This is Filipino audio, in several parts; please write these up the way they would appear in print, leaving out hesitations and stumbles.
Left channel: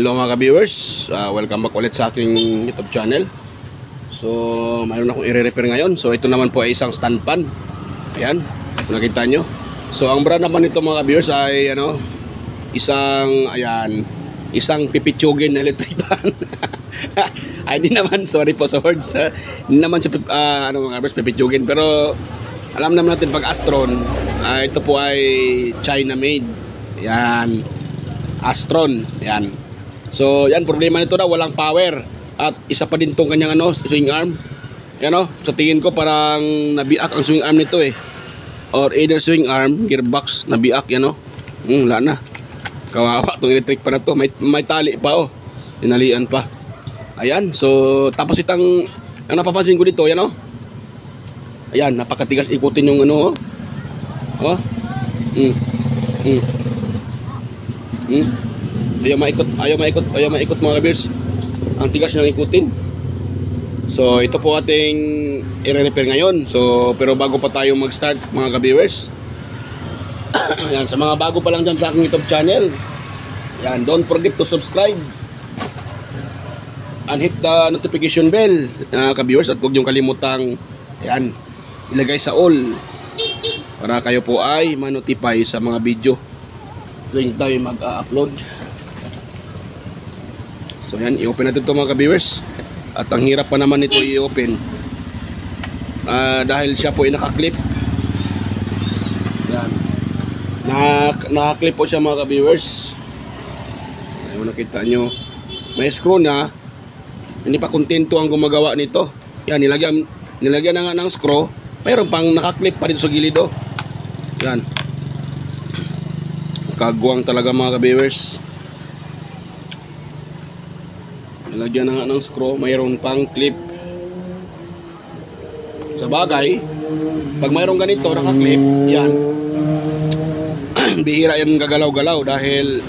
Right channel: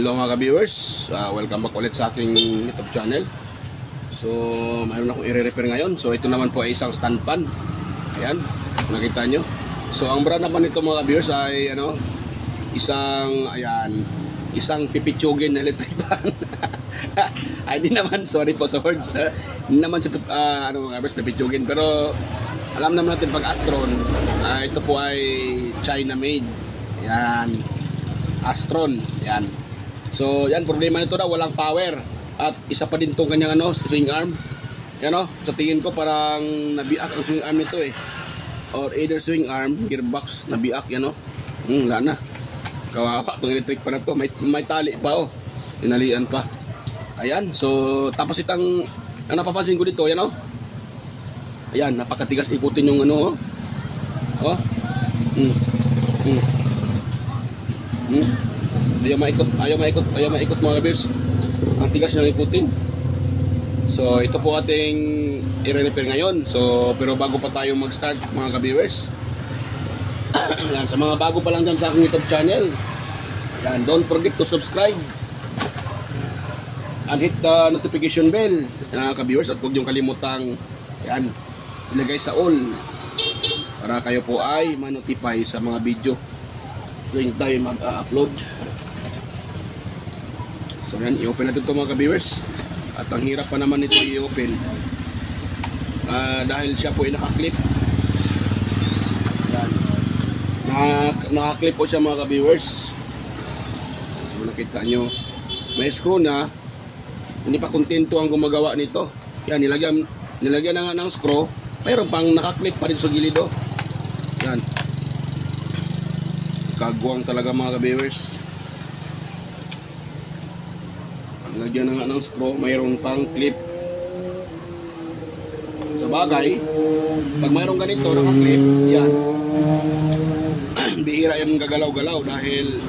Hello mga ka-viewers, welcome back ulit sa aking YouTube channel. So mayroon akong i-repair ngayon. So ito naman po ay isang stand pan. Ayan, nakita nyo. So ang brand naman nito mga ka-viewers ay isang pipitsugin na electric pan. Ay di naman, sorry po sa words, hindi naman si mga ka-viewers pipitsugin. Pero alam naman natin pag Astron, ito po ay China made. Ayan, Astron, yan. So, yan, problema nito na walang power. At isa pa din tong kanyang swing arm. Yan sa tingin ko parang nabiak ang swing arm nito or either swing arm, gearbox, nabiak yan wala na. Kawawa tong electric pa na to. May tali pa tinalian pa. Ayan, so tapos ang napapansin ko dito, yan ayan, napakatigas ikutin yung Ayaw maikot mga ka-viewers. Ang tigas niyang ikutin. So ito po ating i-repair ngayon. So pero bago pa tayo mag-start mga ka-viewers, yan, sa mga bago pa lang dyan sa aking YouTube channel, yan, don't forget to subscribe and hit the notification bell ka-viewers. At huwag niyong kalimutang ilagay sa all para kayo po ay ma-notify sa mga video tuwing tayo mag-upload. So yan, i-open natin ito mga ka-viewers. At ang hirap pa naman ito i-open dahil siya po ay nakaklip. Yan, nakaklip po siya mga ka-viewers. Ayun, nakita nyo, may screw na. Hindi pa kontento ang gumagawa nito. Yan, nilagyan na nga ng screw. Mayroon pang nakaklip pa rin sa gilid yan, kagwang talaga mga ka-viewers. Lagyan na nga ng screw, mayroon pang clip. Sa bagay, pag mayroon ganito naka-clip, yan, bihira yan gagalaw-galaw dahil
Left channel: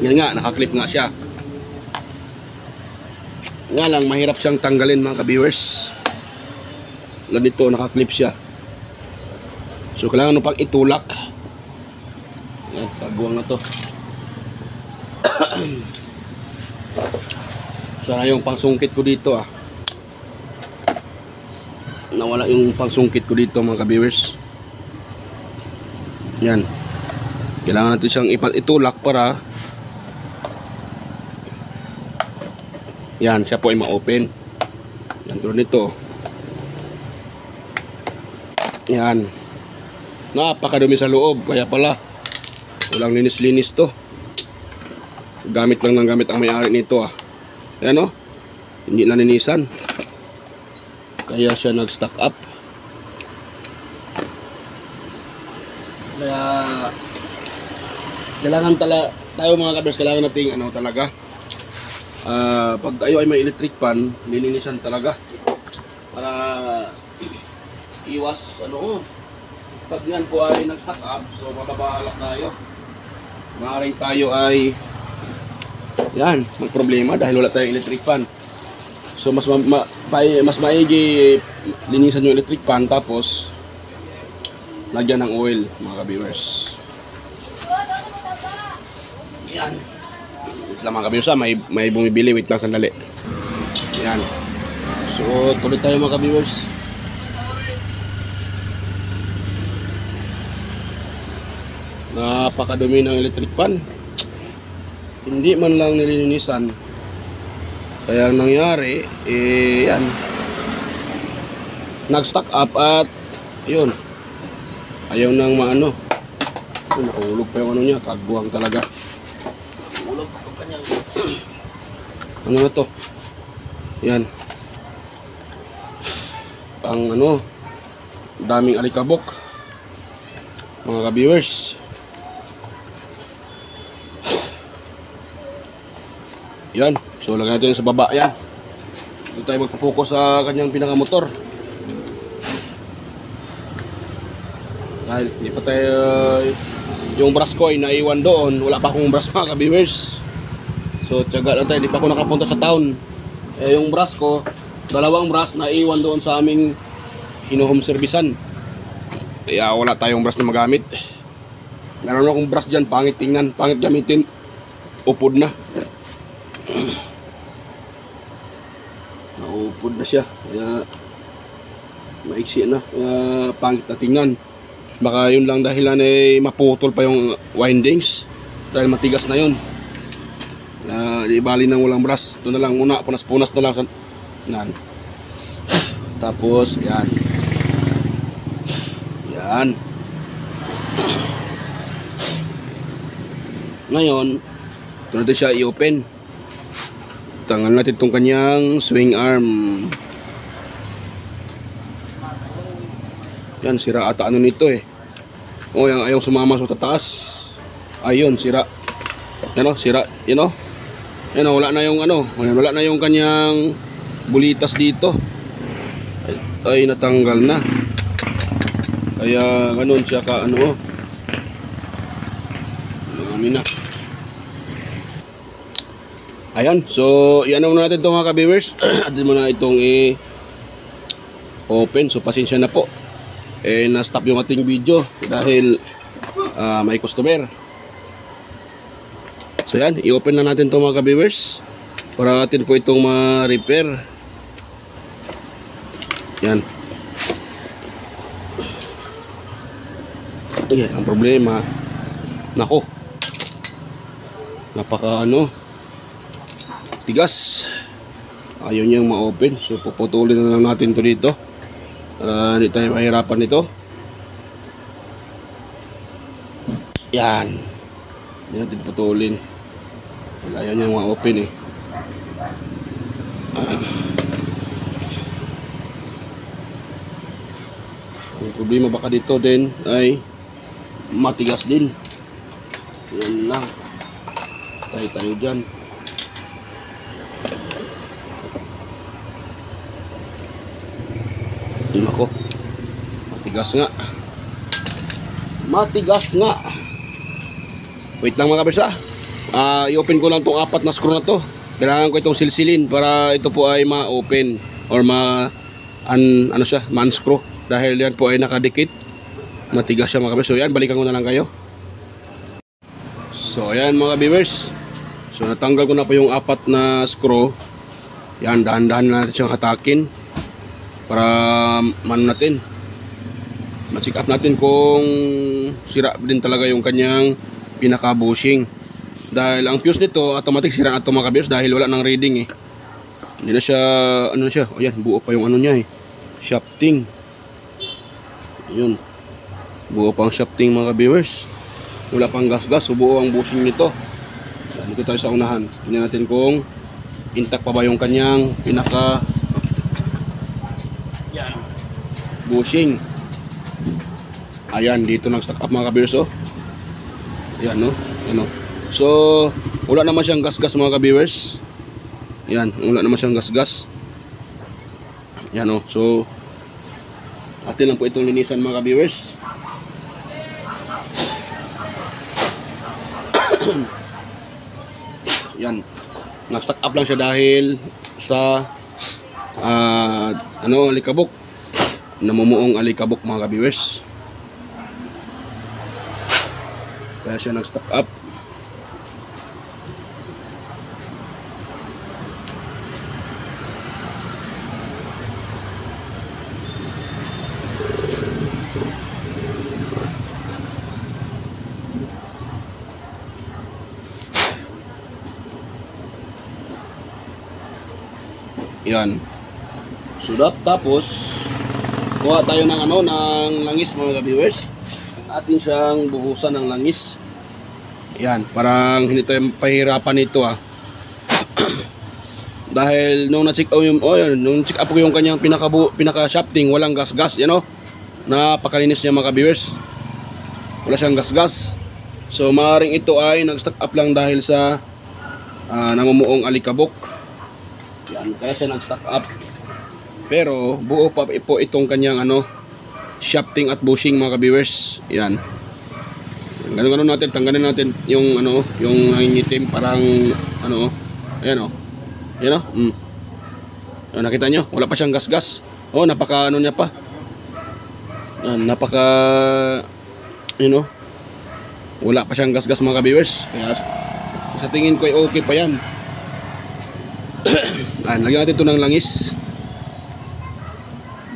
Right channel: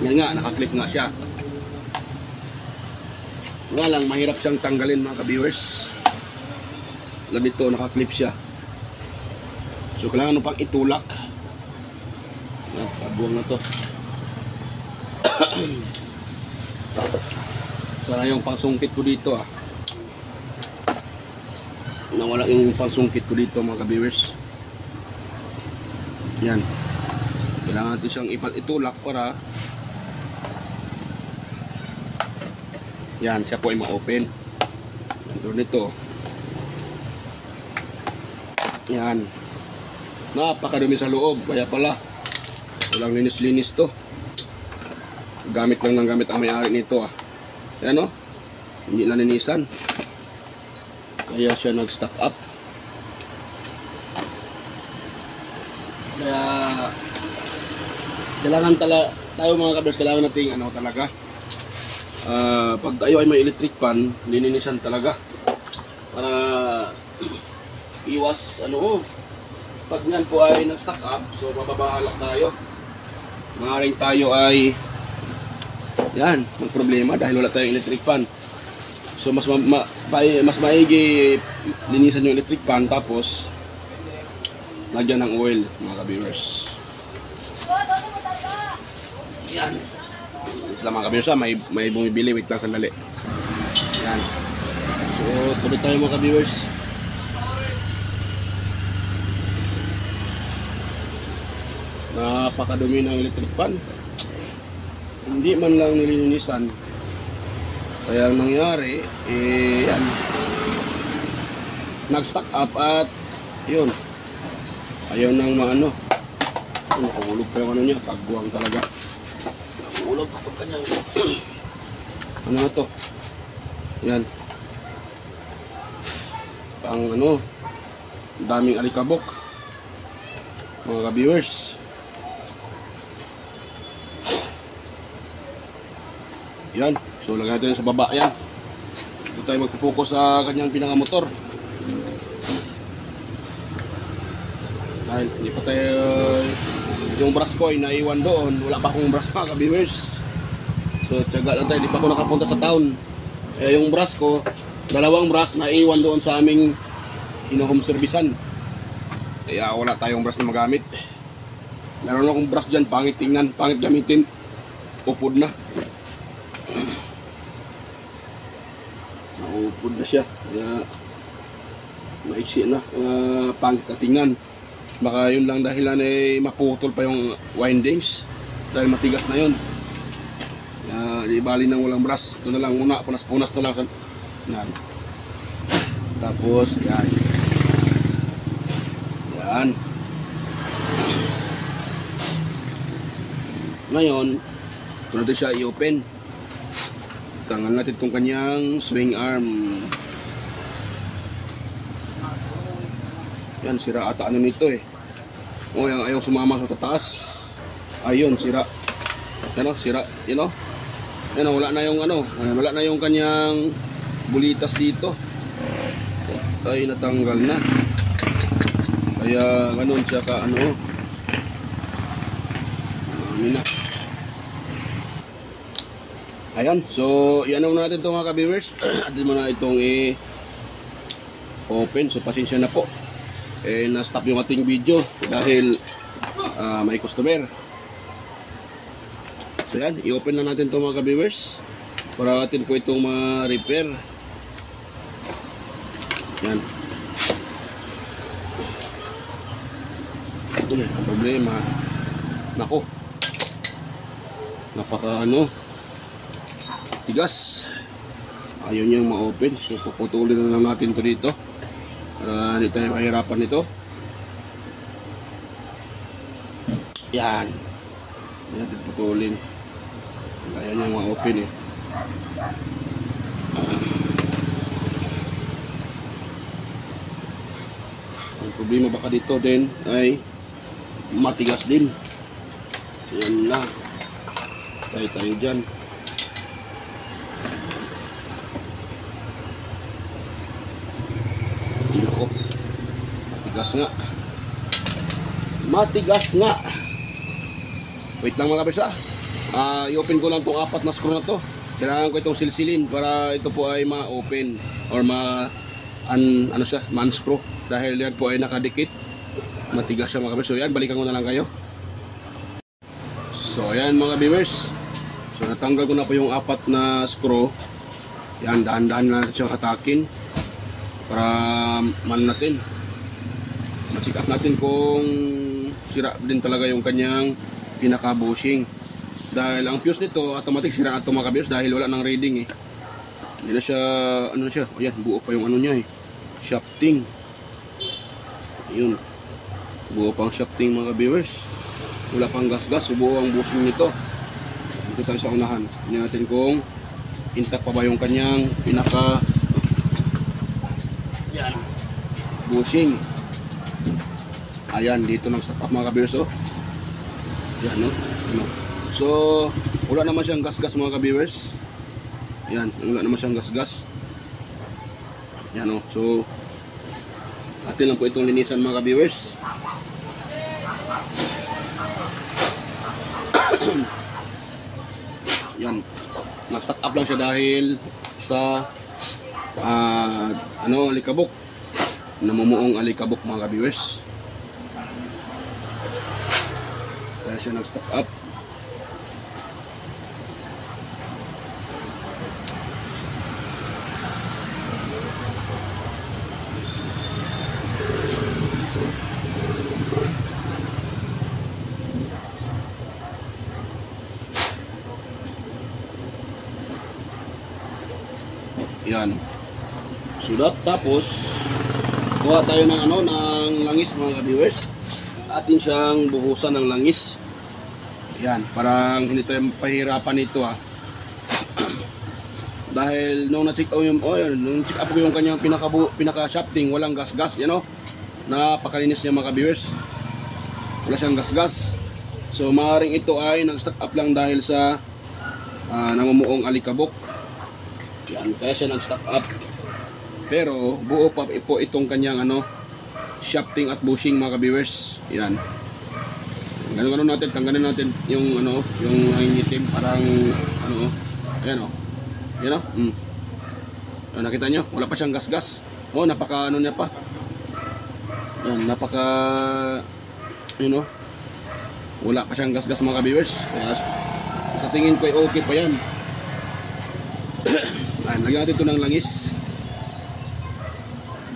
yan nga, naka-clip nga siya. Nga lang, mahirap siyang tanggalin mga ka-viewers. Ganito, naka-clip siya. So kailangan pang itulak. Yan, pabuwang na to. Sana yung pangsungkit ko dito nawala yung pangsungkit ko dito mga ka-viewers. Yan, kailangan natin siyang itulak para yan, siya po ay ma-open. Yan, nito. Yan, napakadumi sa loob, kaya pala walang linis-linis to. Gamit lang ng gamit ang may-ari nito Ayan hindi naninisan. Kaya siya nag-stock up. Kaya kailangan tayo mga ka-viewers, kailangan nating talaga pag tayo ay may electric pan, lininisan talaga para iwas pag yan po ay nag-stock up, so mababahala tayo. Maaaring tayo ay yan, may problema dahil wala tayong electric pan. So mas maigi linisan yung electric pan tapos lagyan ng oil mga ka-viewers. Yan. Wait lang mga ka-viewers may bumibili, wait lang sandali. Yan. So tuloy tayo mga ka-viewers. Napakadumi ng electric pan. Hindi man lang nilinisan. Kaya ang nangyari, yan, nag-stock up at yun, ayaw nang nakulog pa yung niya, kagwang talaga. Nakulog pa itong kanyang ano na to, yan, ang daming alikabok mga ka-viewers. Yan, so lagyan natin sa baba yan. Dito tayo magpupokus sa kanyang pinakamotor. Dahil hindi pa tayo yung brush ko ay naiwan doon. Wala pa akong brush mga ka-viewers. So tiyaga lang tayo, hindi pa ako nakapunta sa town. Yung brush ko, dalawang brush naiwan doon sa aming home servicean. Kaya wala tayong brush na magamit. Meron akong brush dyan, pangit tingnan, pangit gamitin. Upod na. likod na siya. Kaya maiksi na. Pangit na tingnan. Baka yun lang dahilan ay maputol pa yung windings. Dahil matigas na yun. Di bali nang walang brush. Ito na lang muna. Punas-punas na lang. Yan. Tapos yan. Yan. Ngayon, ito natin siya i-open. Tanggal natin itong kanyang swing arm. Yan, sira ata ano nito eh. O, yung ayaw sumama sa tataas. Ayun, sira. Yan o, sira. Yan o. Yan o, wala na yung ano. Wala na yung kanyang bulitas dito. Ay, natanggal na. Kaya, ganun siya ka ano. Ano na. Ayan, so i-ano muna natin ito mga ka-viewers. Atin muna itong open. So pasensya na po. Na-stop yung ating video dahil may customer. So yan, i-open na natin ito mga ka-viewers para atin po itong ma-repair. Yan. Ayan, ang problema. Nako. Napaka ano. Tigas. Ayaw niyang ma-open. So puputulin na lang natin ito dito para hindi tayo mahirapan nito. Yan. Hindi natin putulin. Ayaw niyang ma-open eh. Ang problema baka dito din ay matigas din. Yan lang. Tayo dyan. Ako. Matigas nga. Matigas nga. Wait lang mga kabisa. I-open ko lang itong 4 na screw na to. Kailangan ko itong silsilin para ito po ay ma-open or ano siya, ma-unscrew. Dahil yan po ay nakadikit. Matigas siya mga kabisa. So yan, balikan ko na lang kayo. So ayan mga viewers. So natanggal ko na po yung 4 na screw. Yan, dahan-dahan na natin siyang atakin para natin ma-check up natin kung sira din talaga yung kanyang pinaka bushing. Dahil ang fuse nito automatic sira ato mga ka-viewers dahil wala nang reading eh. Hindi na siya, ano na siya, ayan, buo pa yung ano niya eh, shafting. Yun, buo pang shafting mga ka-viewers. Wala pang gas-gas, so buo ang bushing nito. Dito tayo sa unahan. Tingnan natin kung intact pa ba yung kanyang pinaka bushing. Ayan, dito nag-stack up mga ka-viewers oh. Ayan no, ano. So, wala naman siyang gas-gas mga ka-viewers. Ayan, wala naman siyang gas-gas. Ayan oh. So, atin lang po itong linisan mga ka-viewers. Yan, nag-stack up lang siya dahil sa alikabok. Namumuong alikabok mga ka-viewers. Kaya siya nag-stack up. Yan. So tapos kuha tayo ng ng langis mga viewers. Atin siyang buhusan ng langis. Yan, parang hindi tayo pahirapan ito Dahil nung na-check up nung check up ko yung kanyang pinaka shafting, walang gas-gas, yan napakalinis niya mga viewers. Wala siyang gas-gas. So maaaring ito ay nag-stack up lang dahil sa namumuong alikabok. Yan, kaya siya nag-stack up. Pero buo pa po itong kanyang shafting at bushing mga ka-viewers. Yan. Ganun natin, tanggalin natin yung yung itim parang ayan Yan Yan, nakita nyo, wala pa siyang gas-gas. Napaka niya pa. Yan, napaka wala pa siyang gas-gas mga ka-viewers. Kaya sa tingin ko ay okay pa yan. Ayan, lagyan natin ito ng langis.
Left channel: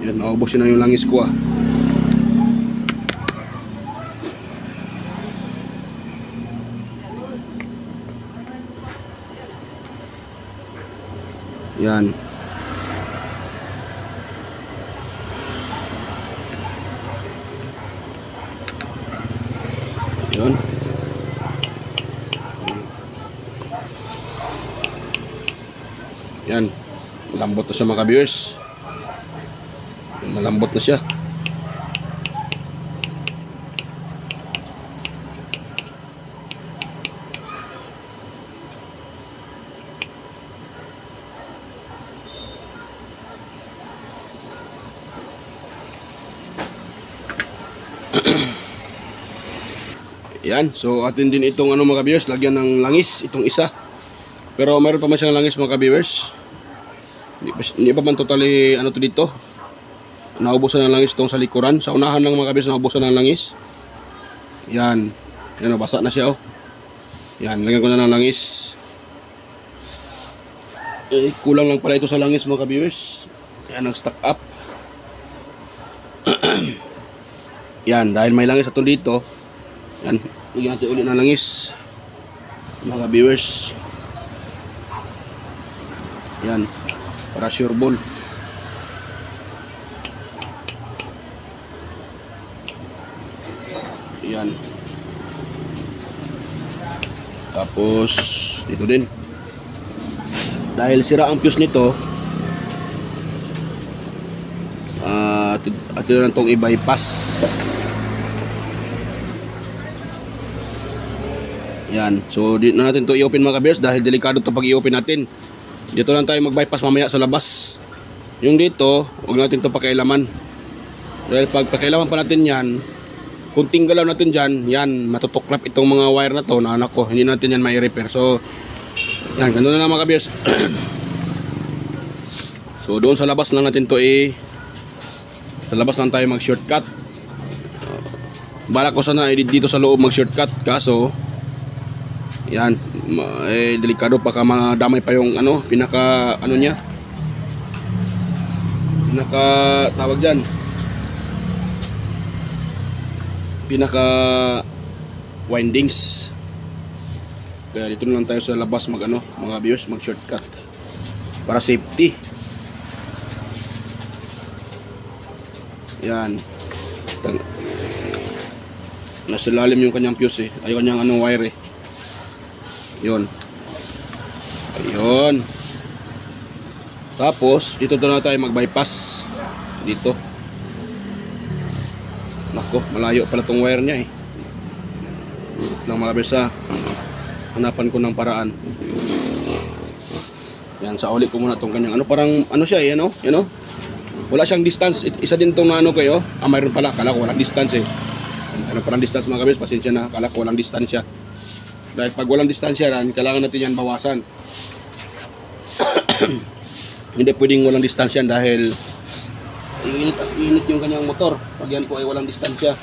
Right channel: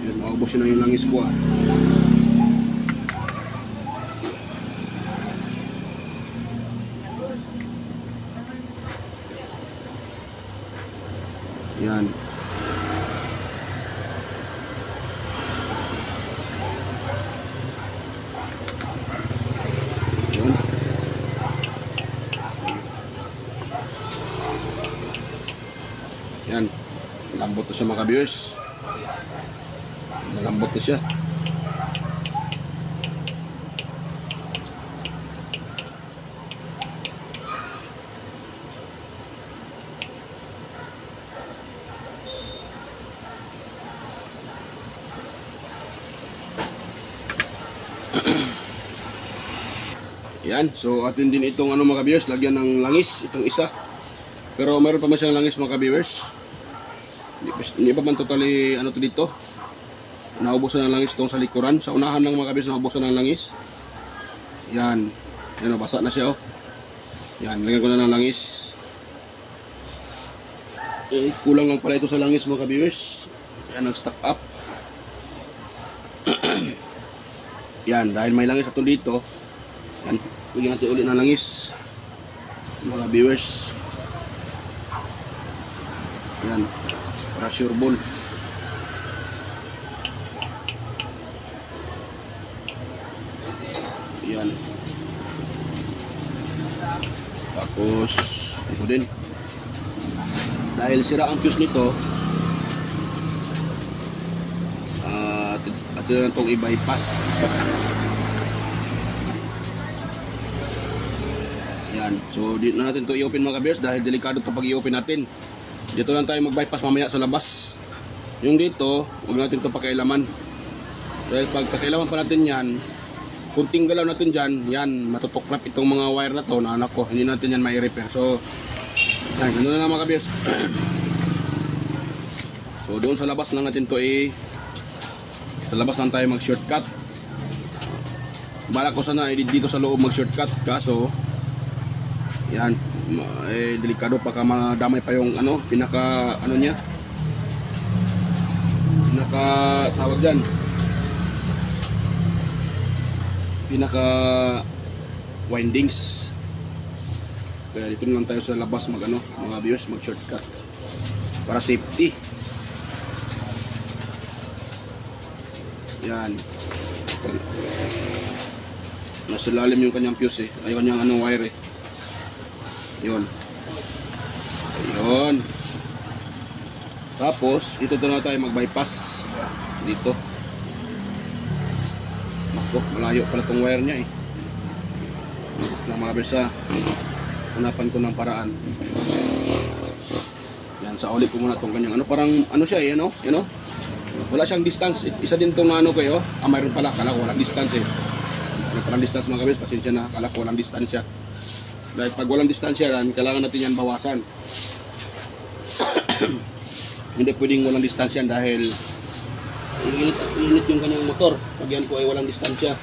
Yan, naubos na yung langis ko Yan. Yun. Yan. Malambot na siya mga ka-viewers. Malambot na siya. Yan, so atin din itong ano mga ka-viewers, lagyan ng langis itong isa. Pero meron pa man siyang langis mga ka-viewers. Hindi pa man totally ano to dito. Naubusan ng langis itong sa likuran. Sa unahan lang mga ka-viewers, naubusan ng langis. Yan. Yan, basa na siya Yan, lagyan ko na ng langis. Kulang lang pala ito sa langis mga ka-viewers. Yan ang stock up. Yan, dahil may langis ito dito. Yan, lagyan natin ulit ng langis mga viewers. Yan, para sure ball. Yan. Tapos dito din, dahil sira ang fuse nito, at yun lang itong i-bypass. Yan, so dito na natin ito i-open mga ka-viewers, dahil delikado ito pag i-open natin. Dito lang tayo mag-bypass mamaya sa labas. Yung dito, huwag natin ito pakailaman. Dahil pag pakailaman pa natin yan, kunting galaw natin dyan, yan, matutuklap itong mga wire na to na anak ko, hindi natin yan mai-repair. So yan, ganoon na lang mga ka-viewers. So doon sa labas lang natin ito sa labas lang tayo mag-shortcut. Balak ko sana dito sa loob mag-shortcut, kaso yan, delikado, baka madamay pa yung ano, pinaka ano niya, pinaka tawag dyan, pinaka windings. Kaya dito na lang tayo sa labas mag ano, mga viewers, mag shortcut para safety. Yan, nasa lalim yung kanyang fuse ay kanyang ano wire Yun. Ayun. Tapos dito na tayo mag-bypass dito. Nako, malayo pala tong wire niya Dito lang mga bersa. Hanapan ko ng paraan. Yan, sa uli ko muna tong kanyang ano, parang ano siya ano, you know? Wala siyang distance. Isa din tong ano kayo. Mayroon pala, kala ko walang distance Ano parang distance mga kabis, pasensya na, kala ko walang distance siya. Dahil pag walang distansya yan, kailangan natin yan bawasan. Hindi pwedeng walang distansya dahil init at init yung kanyang motor pag yan po ay walang distansya.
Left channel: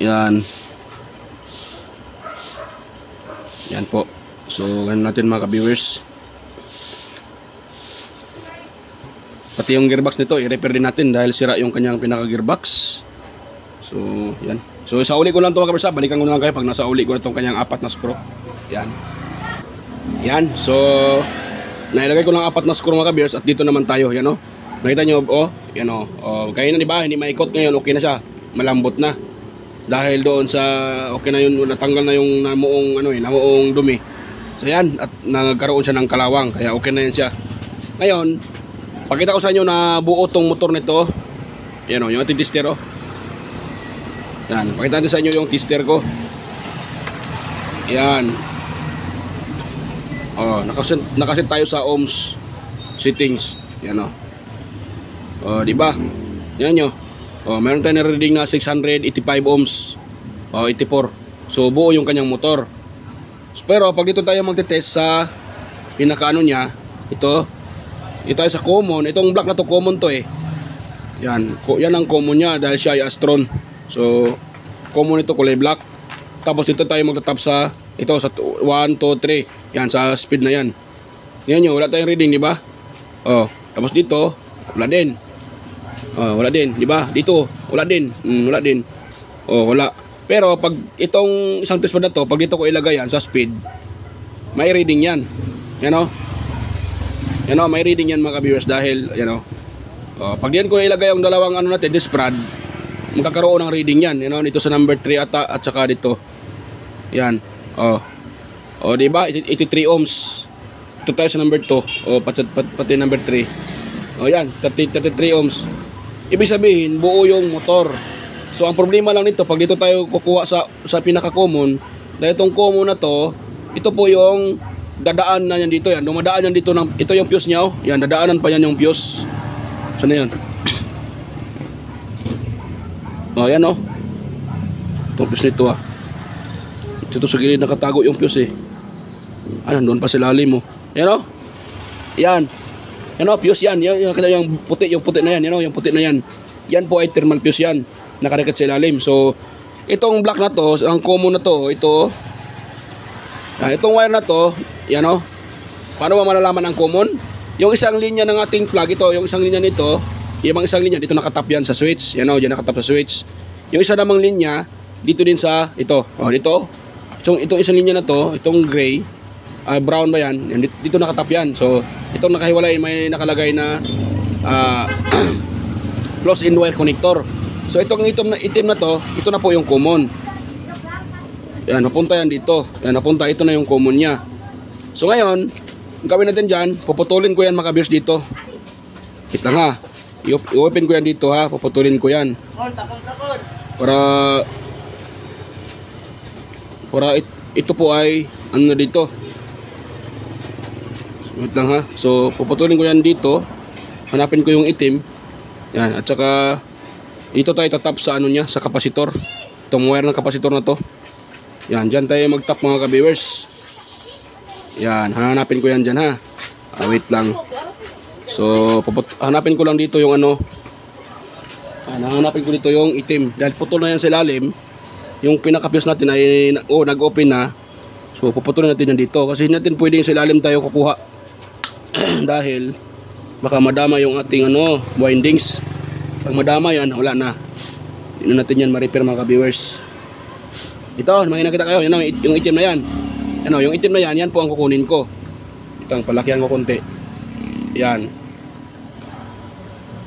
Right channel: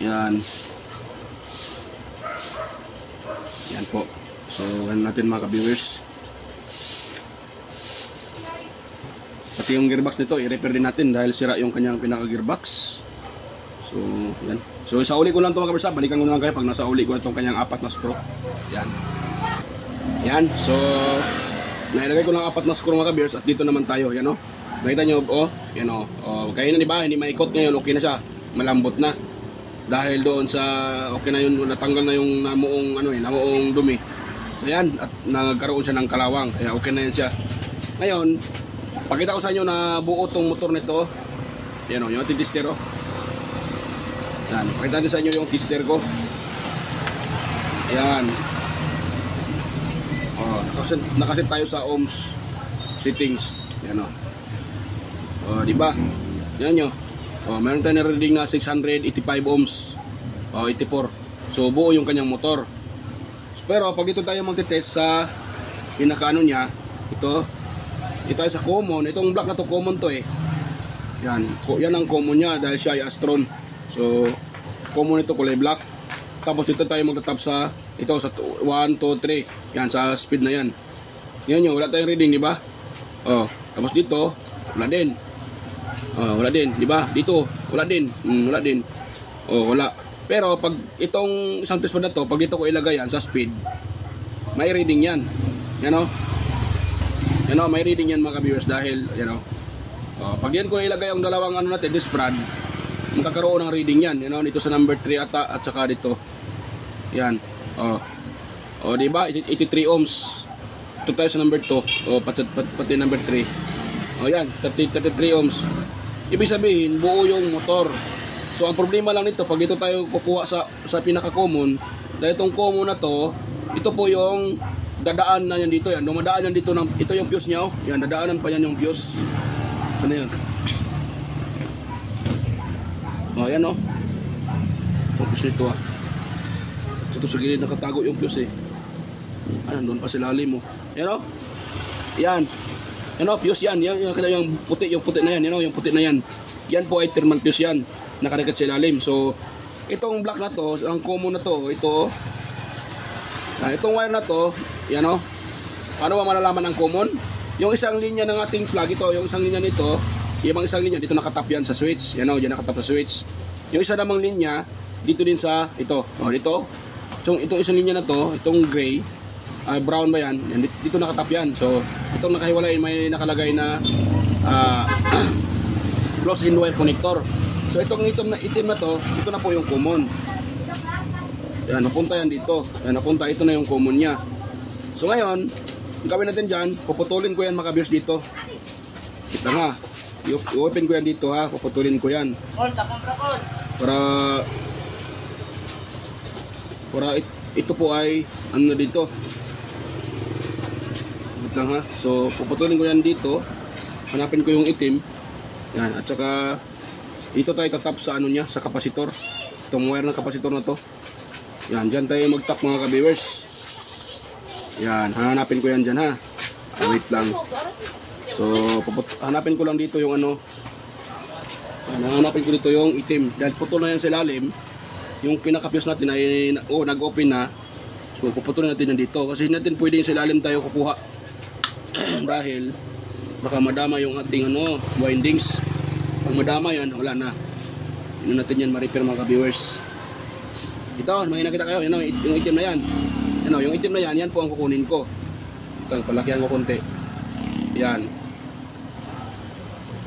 Yan. Yan po. So, ganun natin mga ka-viewers. Pati yung gearbox nito, i-repair din natin dahil sira yung kanyang pinaka-gearbox. So, yan. So, sa uli ko lang ito mga kabersa. Balikan ko naman kayo pag nasa uli ko na itong kanyang 4 na screw. Yan. Yan. So, nailagay ko ng 4 na screw mga kabers. At dito naman tayo. Yan o. Nakita nyo, yan o. Kaya na diba, hindi maikot ngayon. Okay na siya. Malambot na. Dahil doon sa, okay na yun, natanggal na yung namuong, namuong dumi. So, yan. At nagkaroon siya ng kalawang. Kaya okay na yan siya. Ngayon, pakita ko sa inyo na buo tong motor nito. Yan o, yung ating tester o. Yan, pakita natin sa inyo yung tester ko. Yan. Nakaset tayo sa ohms settings. Yan di ba? Yan nyo. Meron tayong na-reading na 685 ohms. 84. So buo yung kanyang motor. Pero pag dito tayo magte-test sa pinakaano niya, ito tayo sa common. Itong black na to common to Yan ang common niya dahil siya ay Astron. So, common ito kulay black. Tapos ito tayo magtatap sa ito sa 1, 2, 3. Yan sa speed na yan. Yan nyo, wala tayong reading, di ba? Oh, tapos dito, wala din. Oh, wala din, di ba? Dito, wala din. Wala din. Oh, wala. Pero pag itong isang fuse na to, pag dito ko ilagay yan sa speed, may reading yan. Yan o. Yan o, may reading yan mga ka-viewers dahil, yan o. Oh, pag yan ko ilagay ang dalawang ano natin, this rod, magkakaroon ng reading yan. Yan o, dito sa number 3 ata at saka dito. Yan. Oh. Oh, di ba? 83 ohms. Ito tayo sa number 2. O, pati number 3. O, yan. 33 ohms. Ibig sabihin, buo yung motor. So, ang problema lang nito, pag dito tayo kukuha sa pinaka-common, dahil itong common na to, ito po yung dadaan na yan dito. Yan. Dumadaan yan dito. Ito yung fuse niya. Oh. Yan, dadaanan pa yan yung fuse. Saan na yan? O, yan o. Itong fuse nito ah. Ito sa gilid nakatago yung fuse eh. Ayan, doon pa sa lalim mo. Yan o. Yan. Yan o, fuse yan. Yan yung puti na yan. Yan o, yung puti na yan. Yan po ay thermal fuse yan. Nakarikat sa lalim. So, itong black na to, ang common na to, ito. Itong wire na to, yan o. Paano ba malalaman ang common? Yung isang linya ng ating plug, ito, yung isang linya nito, yung isang linya, dito nakatap yan sa switch. Yan o, dyan nakatap sa switch. Yung isa namang linya, dito din sa, ito. O, dito. So, itong isang linya na to, itong gray, brown ba yan? Dito nakatap yan. So, itong nakahiwalay, may nakalagay na close-in wire connector. So, itong itim na to, ito na po yung common. Yan, napunta yan dito. Yan, napunta, ito na yung common niya. So, ngayon, ang gawin natin dyan, puputulin ko yan mga ka-viewers dito. Ito nga. I-open ko yan dito ha, puputulin ko yan. Para ito po ay, ano na dito. Wait lang ha. So, puputulin ko yan dito. Hanapin ko yung itim. Yan. At saka, dito tayo tatap sa ano niya, sa kapasitor. Itong wire ng kapasitor na to. Yan. Dyan tayo mag-tap mga ka-viewers. Yan. Hanapin ko yan dyan ha. Wait lang. So, hanapin ko lang dito yung ano. Hanapin ko dito yung itim. Dahil putol na yan sa ilalim. Yung pinaka-fuse natin ay, nag-open na. So, puputulin natin yan dito. Kasi hindi natin pwedeng sa ilalim tayo kukuha. Dahil baka madama yung ating windings. Pag madama yan, wala na. Hindi natin yan ma-repair mga ka-viewers. Ito, may nakita kayo, yan, yung itim na yan. Yung itim na yan, yan po ang kukunin ko. Ito ang palakihan ko konti. Yan.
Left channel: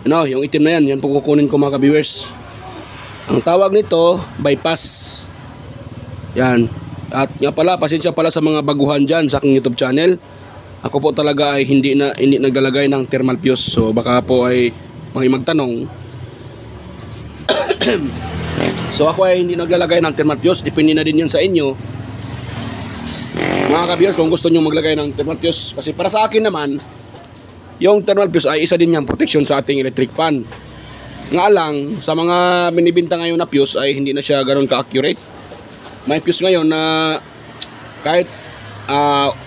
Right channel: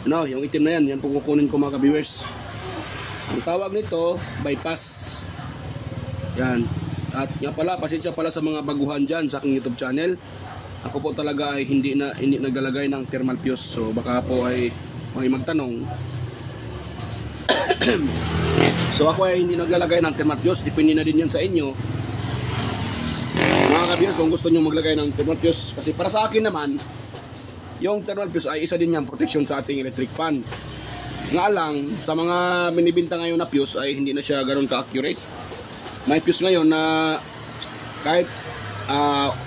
Yung itim na yan, yan po kukunin ko mga ka-viewers. Ang tawag nito, bypass. Yan. At nga pala, pasensya pala sa mga baguhan dyan sa aking YouTube channel. Ako po talaga ay hindi naglalagay ng thermal fuse. So baka po ay may magtanong. So ako ay hindi naglalagay ng thermal fuse. Depende na din yan sa inyo. Mga ka-viewers, kung gusto nyo maglagay ng thermal fuse. Kasi para sa akin naman, yung thermal fuse ay isa din yung protection sa ating electric fan. Nga lang, sa mga binibinta ngayon na fuse ay hindi na siya ganoon ka-accurate. May fuse ngayon na kahit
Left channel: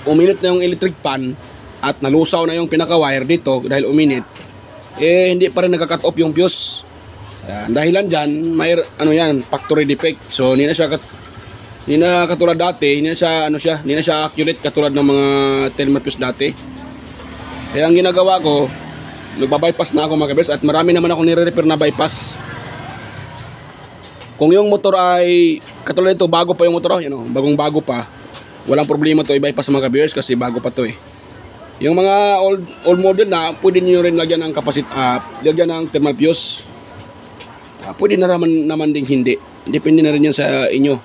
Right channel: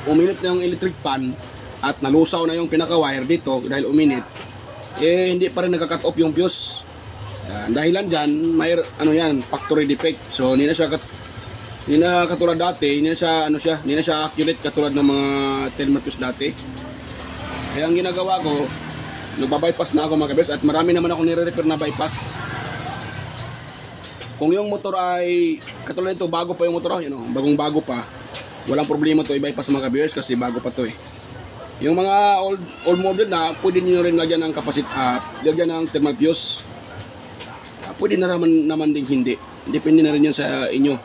uminit na yung electric fan at nalusaw na yung pinaka-wire dito dahil uminit, hindi pa rin nagka-cut off yung fuse. Dahilan dyan, may factory defect. So hindi na siya katulad dati, hindi na siya accurate katulad ng mga thermal fuse dati. Kaya ang ginagawa ko, nagba-bypass na ako mga ka-viewers at marami naman ako nire-repair na bypass. Kung yung motor ay katulad ito, bago pa yung motor, bagong bago pa, walang problema to i-bypass mga ka-viewers kasi bago pa to eh. Yung mga old model na, pwede nyo rin lagyan ng lagyan ng thermal fuse. Pwede na naman din hindi. Depende na rin yan sa inyo.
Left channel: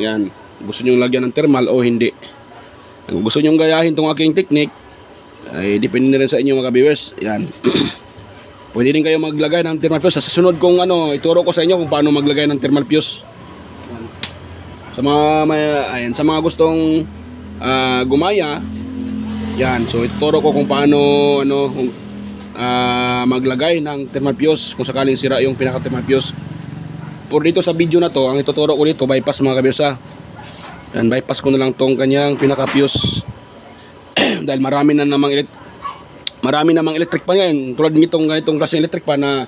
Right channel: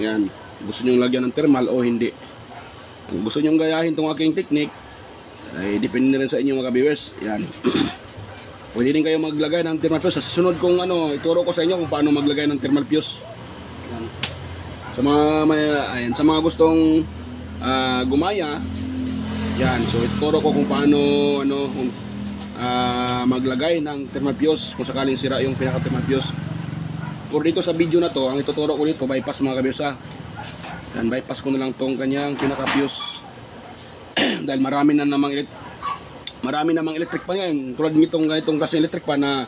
Yan. Gusto nyo lagyan ng thermal o hindi. Kung gusto nyo gayahin tong aking technique, ay depende na rin sa inyo mga ka-viewers. Yan. Pwede din kayo maglagay ng thermal fuse. Sa susunod kong ituro ko sa inyo kung paano maglagay ng thermal fuse. Yan. Sa mga gustong gumaya, yan. So ituturo ko kung paano maglagay ng thermal fuse kung sakaling sira yung pinaka thermal fuse. Por dito sa video na to, ang ituturo ko dito bypass mga ka-viewers. Yan, bypass ko na lang tong kanyang pinaka fuse. Dahil marami namang electric pan yan. Tulad nitong klaseng electric pan na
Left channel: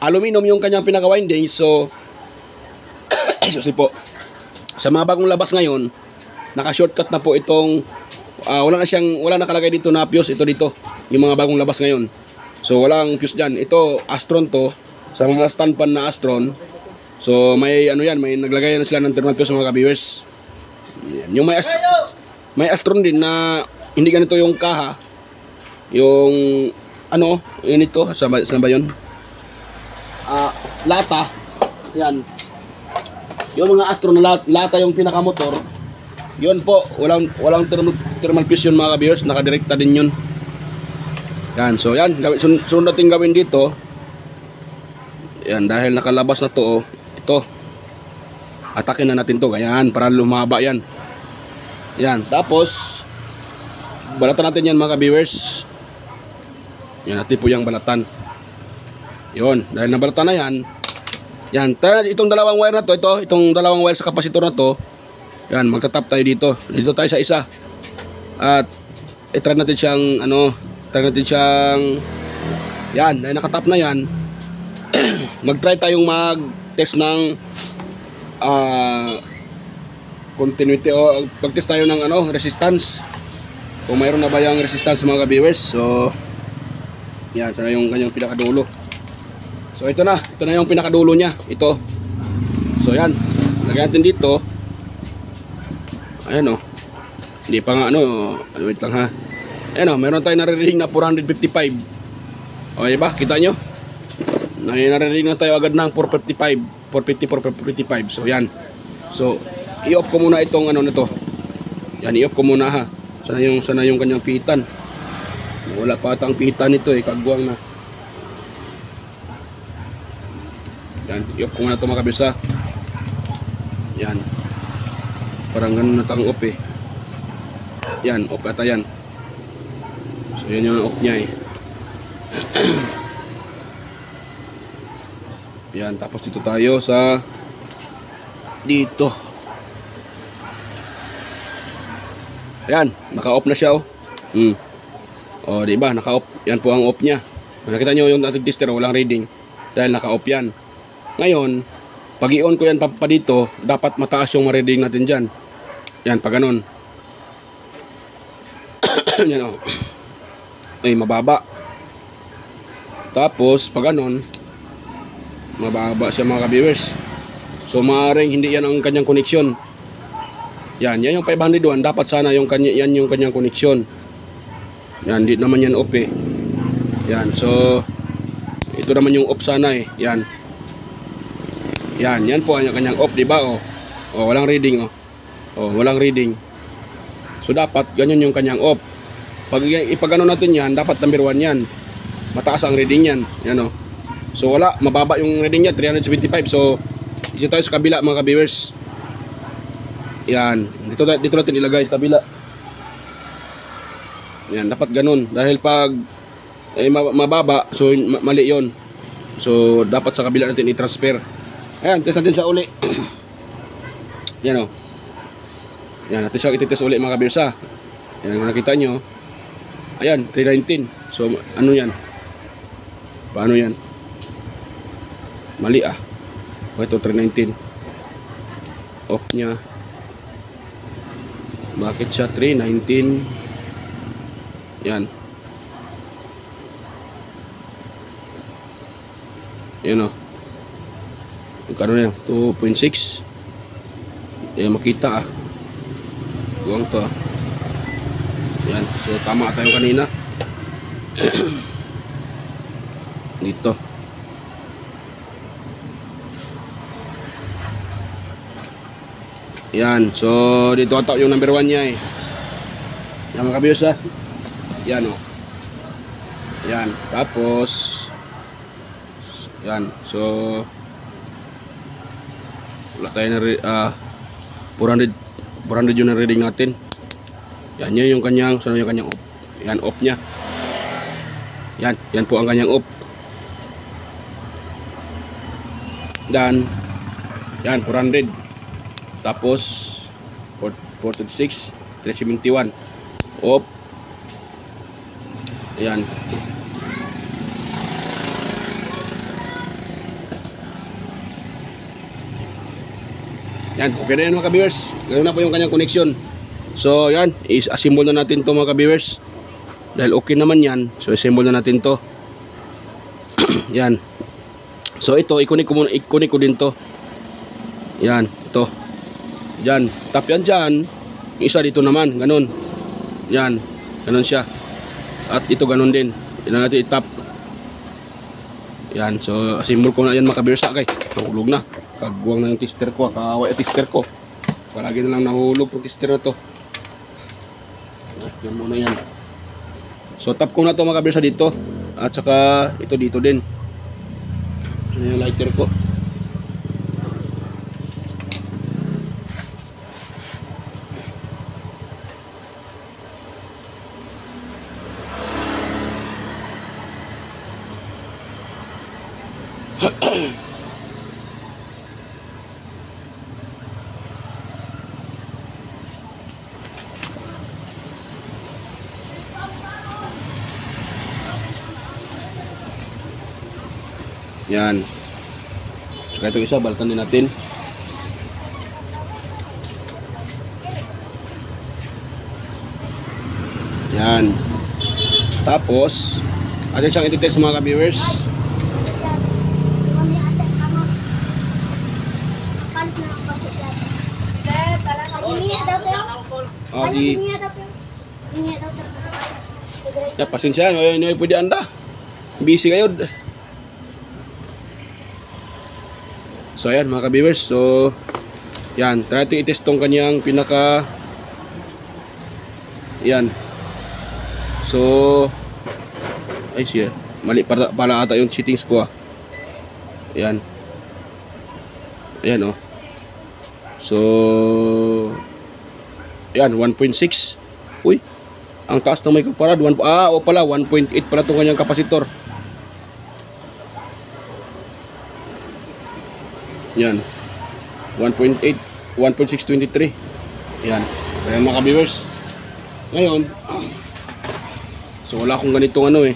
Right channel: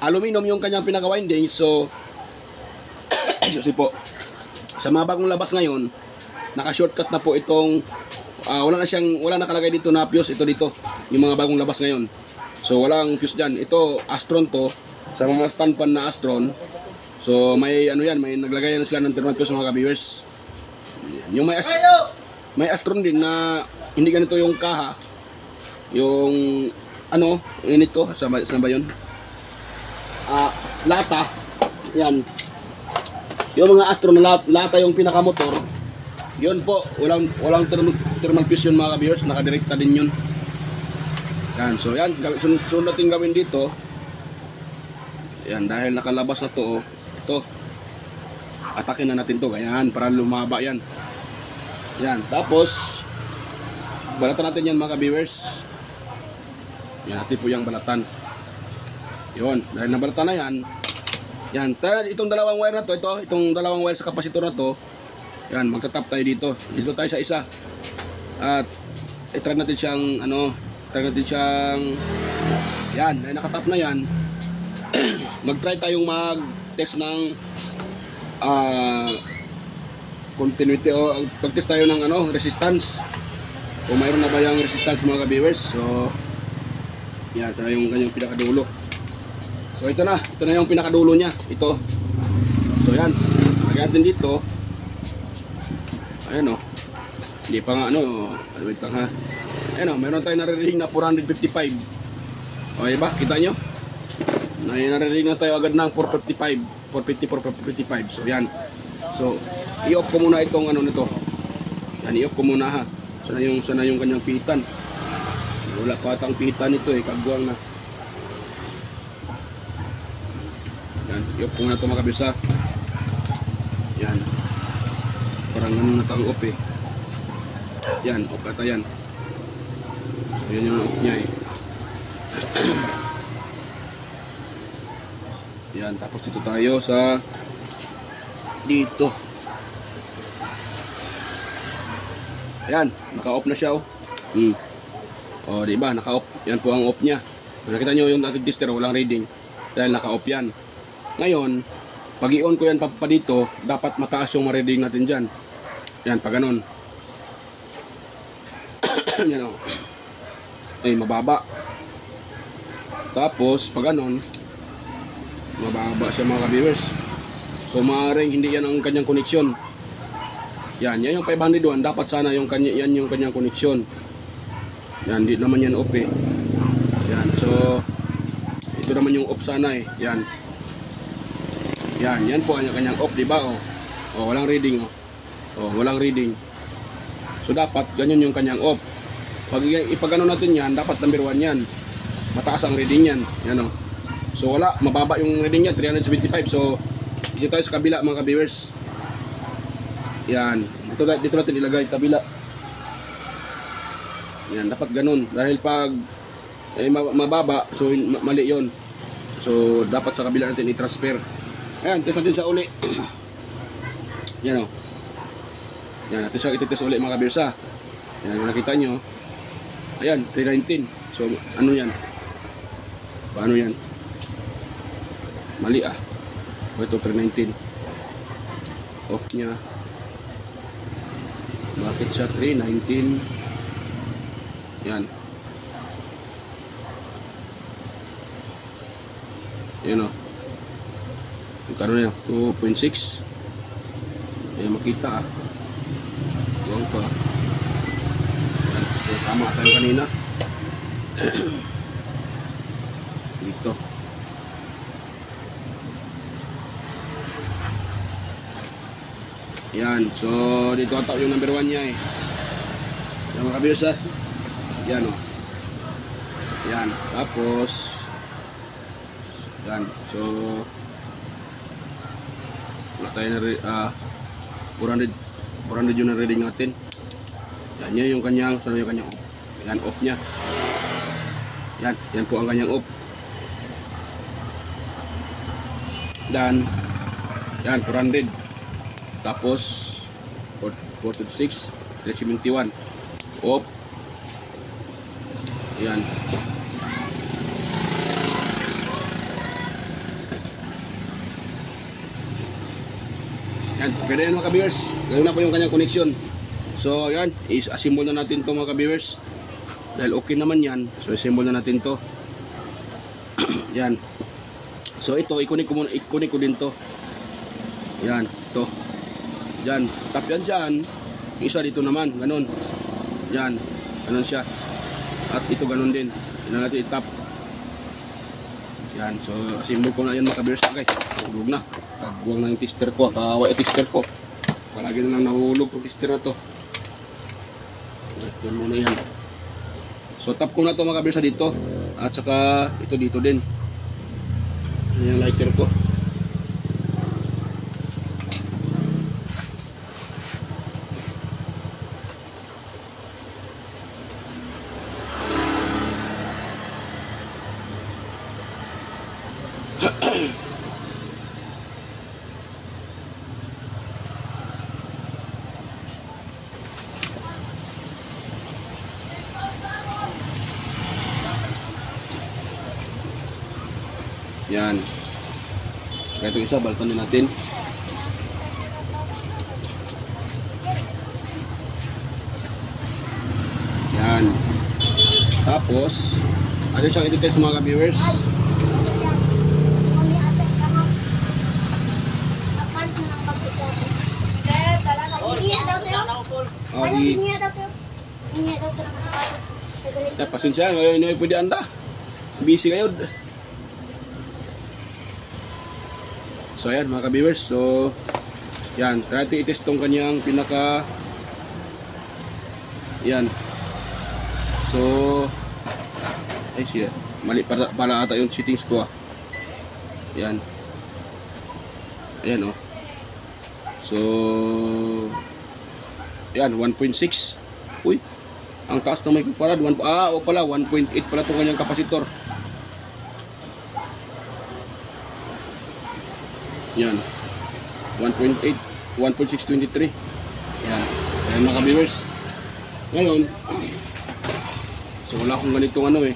aluminum yung kanyang pinaka winding. So po, sa mga bagong labas ngayon, naka-shortcut na po itong Wala nakalagay dito na fuse. Ito dito, yung mga bagong labas ngayon. So walang fuse dyan. Ito Astron to, sa mga stand pan na Astron. So may ano yan, may naglagay na sila ng thermal fuse mga ka-viewers. Yung may Astron din na hindi ganito yung kaha. Yung ano, yun ito, saan ba yun? Lata. Yan. Yung mga Astron na lata yung pinakamotor. Yun po, walang thermal fuse yun mga ka-viewers, nakadirekta din yun. Yan, so yan, sunod natin gawin dito. Yan, dahil nakalabas na to, ito. Atakin na natin to, ganyan, para lumaba yan. Yan, tapos balatan natin yan mga ka-viewers. Yan, natin po yung balatan. Yun, dahil nabalatan na yan. Yan, itong dalawang wire na to, itong dalawang wire sa kapasitor na to. Yan, magtatap tayo dito. Dito tayo sa isa. At i-try natin siyang yan, dahil nakatap na yan. Mag-try tayong mag-test ng continuity o pag-test tayo ng resistance. Kung mayroon na ba yung resistance mga ka-viewers. So yan, ito na yung kanyang pinakadulo. So ito na yung pinakadulo niya. Ito. So yan, lagyan natin dito. Ayan o. Hindi pa nga wait lang ha. Ayan o, meron tayong nare-reading na 455. Okay ba? Kita nyo? Nare-reading na tayo agad ng 455. 450, 455. So yan. So i-off ko muna itong na to. Yan, i-off ko muna ha. Sana yung kanyang pihitan. Wala pa ata ang pihitan nito kagwang na. Yan, i-off ko muna ito mga kabisa. Yan. Parang ganun na tang off Yan, off ata yan. So yan yung off niya Yan, tapos dito tayo sa dito. Ayan, naka-off na siya O, di ba? Naka-off. Yan po ang off niya. Kung nakita nyo yung ating tester, walang reading. Dahil naka-off yan. Ngayon, pag i-on ko yan pa dito, dapat mataas yung reading natin dyan. Yan, pag ganun. Yan o. Ay, mababa. Tapos, pag ganun, mababa siya mga ka-viewers. So, maaaring hindi yan ang kanyang koneksyon. Yan yung 501. Dapat sana yan yung kanyang koneksyon. Yan, hindi naman yan off Yan, so ito naman yung off sana Yan. Yan po ang kanyang off, diba walang reading walang reading. So dapat ganyan yung kanyang off. Pag ipagano natin yan, dapat number 1 yan. Mataas ang reading yan. Yan So wala, mababa yung reading niya, 375. So dito tayo sa kabila mga ka-viewers. Yan, dito natin ilagay sa kabila. Yan, dapat ganun. Dahil pag mababa, so mali yon. So dapat sa kabila natin i-transfer. Ayan, test natin sa uli. Yan Yan, natin siya ititest uli mga ka-viewers Yan, kung nakita nyo. Ayan, 319. So ano yan? Paano yan? Mali ito 319. Off niya. Bakit siya 319? Yan. Yan Magkano yan? 2.6. Makita Tuwang to Yan. So tama tayo kanina. Dito. Yan, so dito ata yung number 1 niya Yan mga ka-viewers Yan Yan, tapos yan, so wala tayo na 400 yung na-reading natin. Yan, yun yung kanyang, so yung kanyang off. Yan, off niya. Yan po ang kanyang off. Dan yan, 400. Tapos 426, 371 off. Ayan. Yan, okay na yan mga ka-viewers. Ganoon na po yung kanyang connection. So yan, is-assemble na natin to mga ka-viewers. Dahil okay naman yan, so assemble na natin to. Yan. So ito, ikunin ko din to. Yan, to. Yan, tap yan dyan. Yung isa dito naman, ganun. Yan, ganun siya. At ito ganun din. Yan natin itap. Yan, so assemble ko na yan mga ka-viewers. Okay, tulog na. Kagwang na yung tester ko, kaaway at tester ko. Palagi na lang nahulog yung tester na to. Yan muna yan. So tap ko na to mga ka-viewers dito. At saka ito dito din. Yan yung lighter ko. Yan. Saka itong isa, balatan din natin. Yan. Tapos, atin siyang ititest mga ka-viewers. Ya, pasensya, ngayon pwede anda. Busy kayo. So ayan mga ka-viewers, so yan, try natin i-test tong kanyang pinaka yan. So ay siya, mali pala ata yung settings ko ah. Yan. Ayan oh. So yan, 1.6. Uy, ang taas na may kuparad, o pala 1.8 pala tong kanyang kapasitor. Yan, 1.8, 1.623. Yan, ayan mga ka-viewers. Ngayon, so wala akong ganitong ano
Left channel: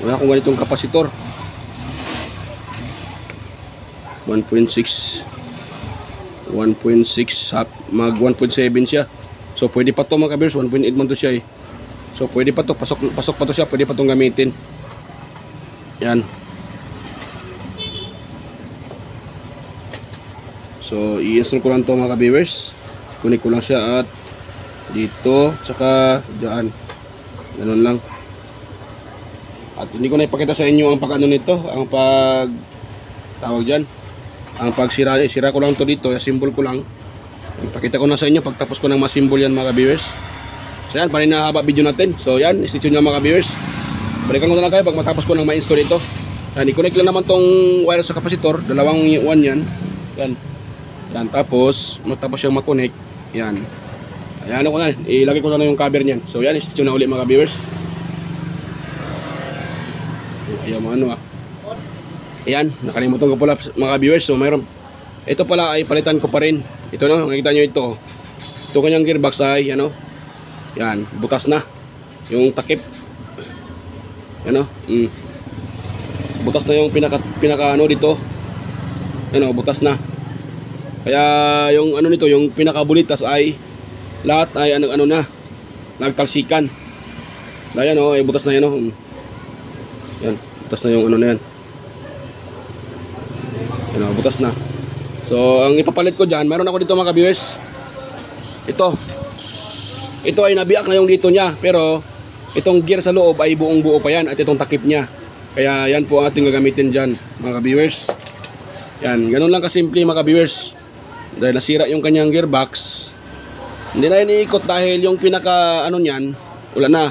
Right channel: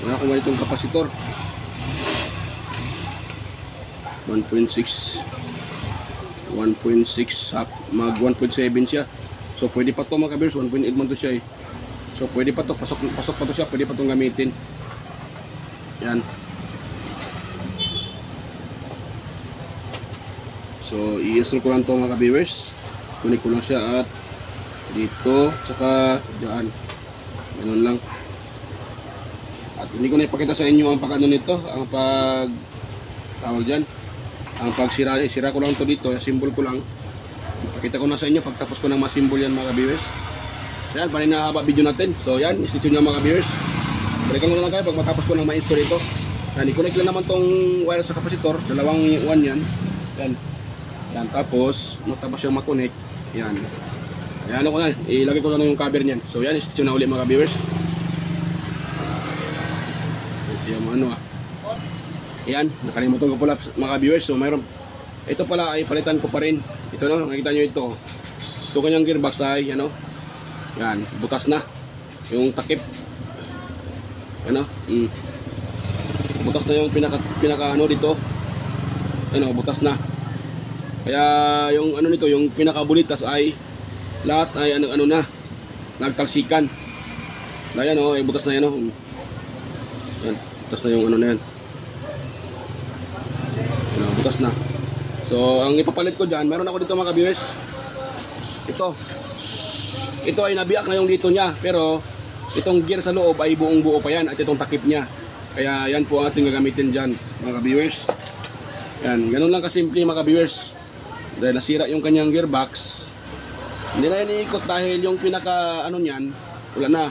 wala akong ganitong kapasitor. 1.6 mag 1.7 siya. So pwede pa to mga ka-viewers, 1.8 man to siya eh. So pwede pa to, pasok pa to siya, pwede pa tong gamitin. Yan. So i-install ko lang to mga ka-viewers. Kunin ko lang siya at dito, saka dyan. Ganun lang. At hindi ko na ipakita sa inyo ang pag-ano nito, ang pag tawag dyan, ang pagsira. Sira ko lang to dito, symbol ko lang. Ipakita ko na sa inyo pagtapos ko ng masimbol yan mga ka-viewers. So yan, parin na haba video natin. So yan, stay tuned nyo mga ka-viewers. Balikan ko na lang kayo pag matapos ko ng ma-install ito. Yan, i-connect lang naman tong wire sa kapasitor, dalawang 1 yan. Yan. Yan, tapos matapos yung ma-connect, yan. Ayan ko na, ilagay ko na yung cover niyan. So yan, stay tuned na ulit mga viewers. Ayan mga ano ah. Ayan, nakalimutan ko pala mga viewers. So mayroon, ito pala ay palitan ko pa rin. Ito na, makikita nyo ito. Ito kanyang gearbox ay, ano, yan, butas na. Yung takip. Ano, butas na yung pinaka ano dito. Ano, butas na. Kaya yung ano nito, yung pinakabulitas ay lahat ay ano na, nagtalsikan. Ayan oh, ay butas na yan oh. Yan, butas na yung ano na yan. Yan, butas na. So ang ipapalit ko dyan, meron ako dito mga viewers. Ito ay nabiak na yung dito niya, pero itong gear sa loob ay buong buo pa yan at itong takip niya. Kaya yan po ang ating gagamitin dyan mga viewers. Yan, ganun lang kasimple mga viewers. Dahil nasira yung kanyang gearbox, hindi na iniikot dahil yung pinaka ano niyan, wala na,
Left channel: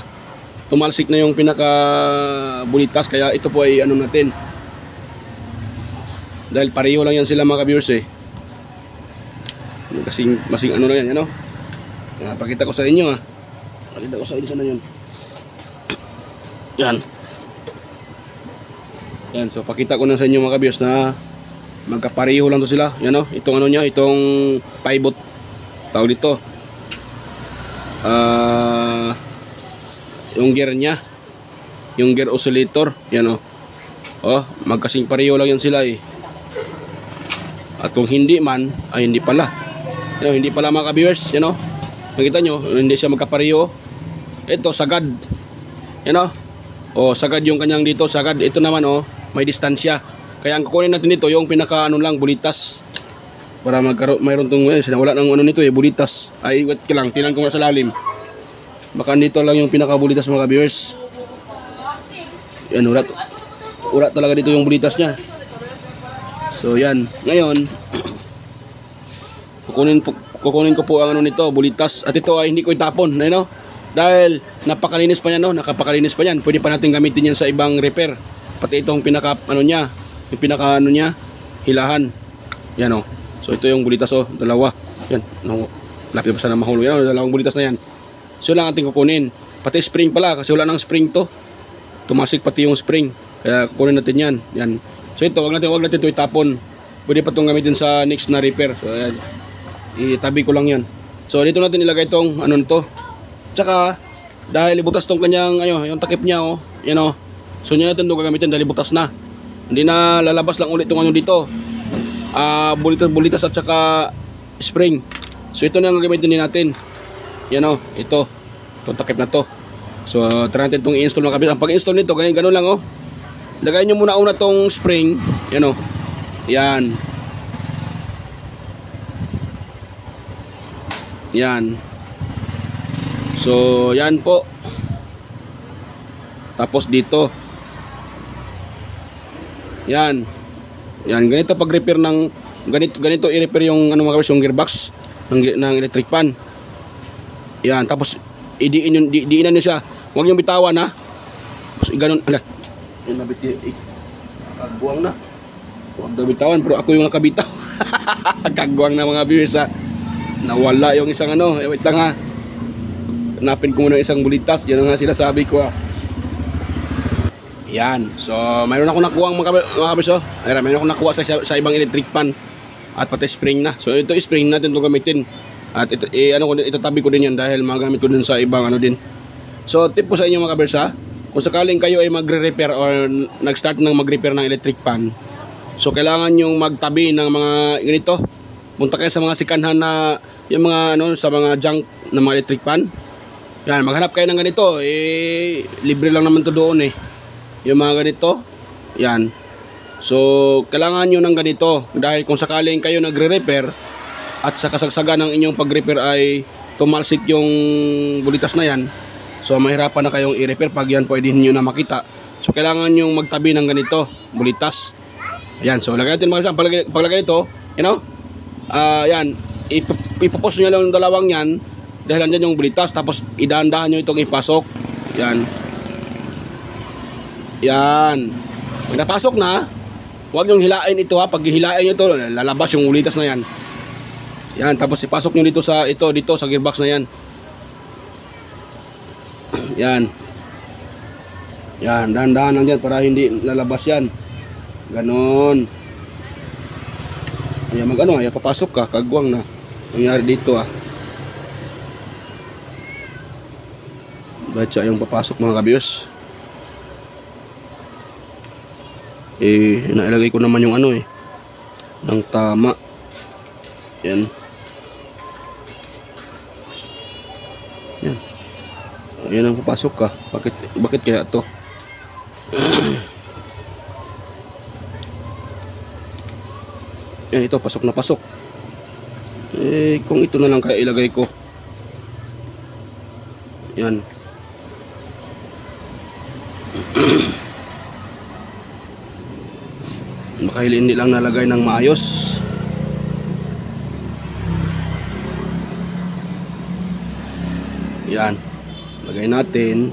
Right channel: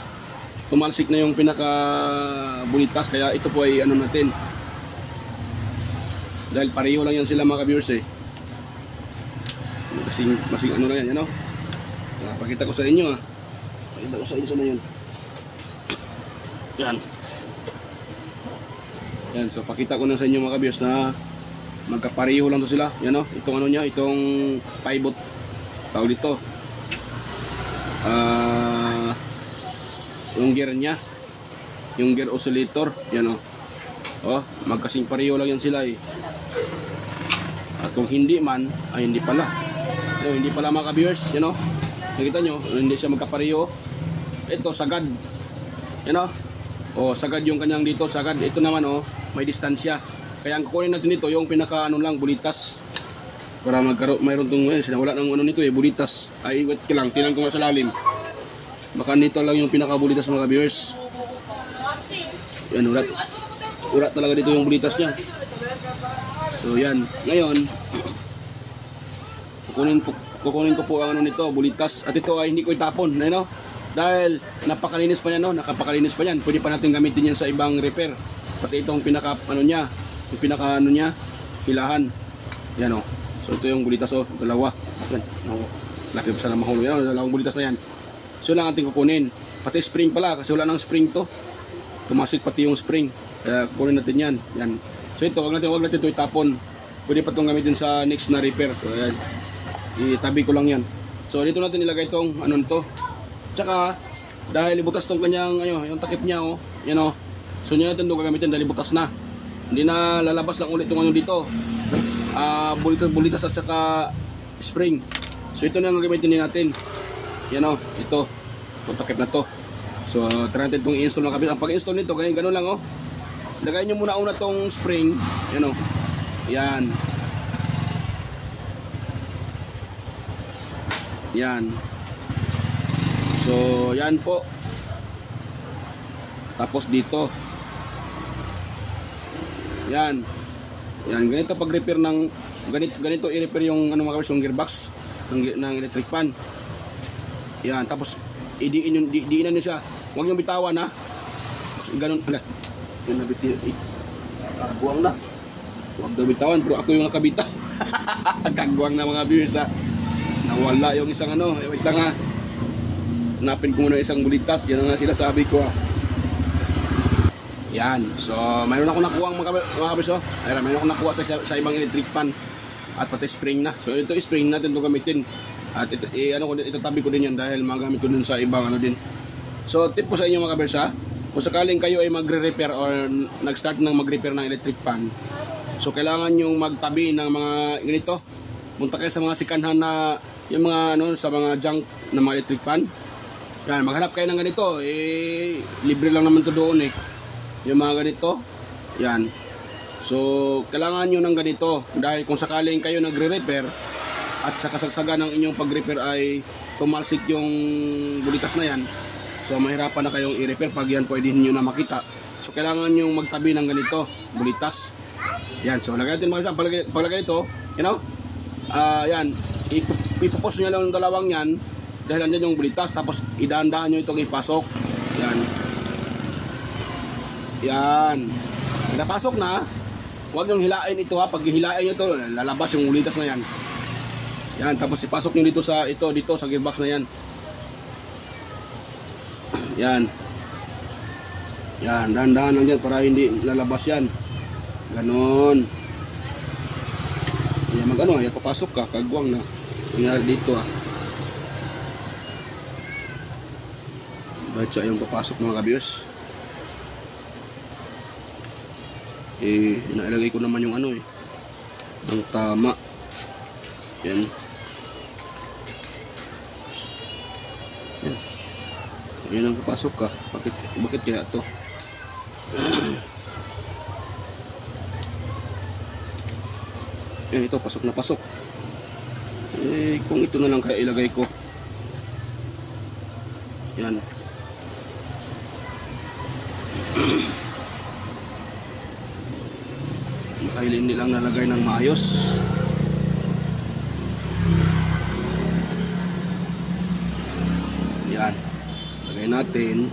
tumalsik na yung pinaka bulitas. Kaya ito po ay ano natin, dahil pareho lang yan sila mga viewers eh. Masing ano na yan, ano. Pakita ko sa inyo ah. Pakita ko sa inyo sana yun. Yan. Yan, so pakita ko na sa inyo mga viewers na magkapareho lang to sila. Yan o, itong ano niya, itong pivot tawag dito. Yung gear niya, yung gear oscillator, yan o. Oh, magkasing pareho lang yan sila eh. At kung hindi man, ay hindi pala. Yan, hindi pala mga ka-viewers, yan o. Nakita nyo, hindi siya magkapareho. Ito, sagad. Yan o. O, sagad yung kanyang dito, sagad. Ito naman o, may distansya. Kaya ang kukunin natin dito, yung pinaka ano lang, bulitas. Para magkaroon, mayroon itong, wala ng ano nito bulitas. Ay, wait ka lang, tinan ko nga sa lalim. Baka dito lang yung pinaka bulitas mga viewers. Yan, urat talaga dito yung bulitas niya. So yan, ngayon kukunin ko po ang ano nito, bulitas. At ito ay hindi ko itapon, no? Dahil napakalinis pa yan, no? Nakapakalinis pa yan. Pwede pa natin gamitin yan sa ibang repair. Pati itong pinaka ano niya, yung pinaka ano niya, hilahan. Yan oh. So ito yung bulitas oh, dalawa. Yan, no. Laki pa sana mahulog. Yan, dalawang bulitas na yan. So lang ating kukunin. Pati spring pala kasi wala nang spring to. Tumasik pati yung spring. Kaya kukunin natin yan. Yan. So ito, wag natin ito itapon. Pwede pa itong gamitin sa next na repair. So ayan. Itabi ko lang yan. So dito natin ilagay itong ano nito. Tsaka dahil ibutas tong kanyang yung takip niya oh. Yan oh. So niya natin ito gagamitin dahil ibutas na. Hindi na lalabas lang ulit itong ano dito. Bulitas at tsaka spring. So ito na ang gagamitin din natin. Yan oh, ito. Itong takip na to. So try natin itong i-install mga kabis. Ang pag-install nito, ganun lang oh. Lagay nyo muna una tong spring. Yan o. Yan. Yan. So, yan po. Tapos dito. Yan. Yan. Ganito pag-repair ng ganito i-repair yung ano mga kabis, yung gearbox ng electric pan. Yan. Tapos diinan nyo siya. Huwag nyo bitawan ha. Tapos ganun. Ala. Yung nabiti, kagwang na. Huwag daw bitawan, pero ako yung nakabitaw. Kagwang na mga viewers ha. Nawala yung isang ano. Wait lang ha. Hanapin ko muna isang bulitas. Yan nga sila sabi ko ha. Yan. So, mayroon ako nakuha mga viewers oh. Mayroon ako nakuha sa ibang electric pan. At pati spring na. So, ito spring natin ito gamitin. At itatabi ko din yan dahil magamit ko din sa ibang ano din. So, tip po sa inyo mga viewers ha. Kung sakaling kayo ay magre-repair or nag-start ng mag-repair ng electric pan, so kailangan yung magtabi ng mga ganito. Punta kayo sa mga sikanhan na yung mga ano sa mga junk ng mga electric pan. Yan, maghanap kayo ng ganito. Libre lang naman to doon yung mga ganito. Yan. So kailangan nyo ng ganito dahil kung sakaling kayo nagre-repair at sa kasagsagan ng inyong pag-repair ay tumalsik yung bulitas na yan, so mahirapan na kayong i-repair pag yan pwede nyo na makita. So kailangan yung magtabi ng ganito, bulitas. Yan, so lagay natin mga paglagay nito, yan, ipopost nyo lang yung dalawang yan dahil andyan yung bulitas. Tapos idahan-dahan nyo itong ipasok. Yan. Yan. Pag napasok na, huwag nyo hilain ito ha. Pag hilain nyo ito, lalabas yung bulitas na yan. Yan, tapos ipasok nyo dito sa dito sa gearbox na yan. Yan. Yan, dahan-dahan lang dyan para hindi lalabas yan. Ganon. Yan, yan papasok ka, kagwang na. Nangyari dito Baca yung papasok mga kabiyos. Nailagay ko naman yung ng tama. Yan. Yan. Ayan ang papasok ka. Bakit kaya to? Yan, ito pasok na pasok. Kung ito na lang kaya ilagay ko. Yan. Baka hindi lang nalagay ng maayos. Yan. Lagay natin.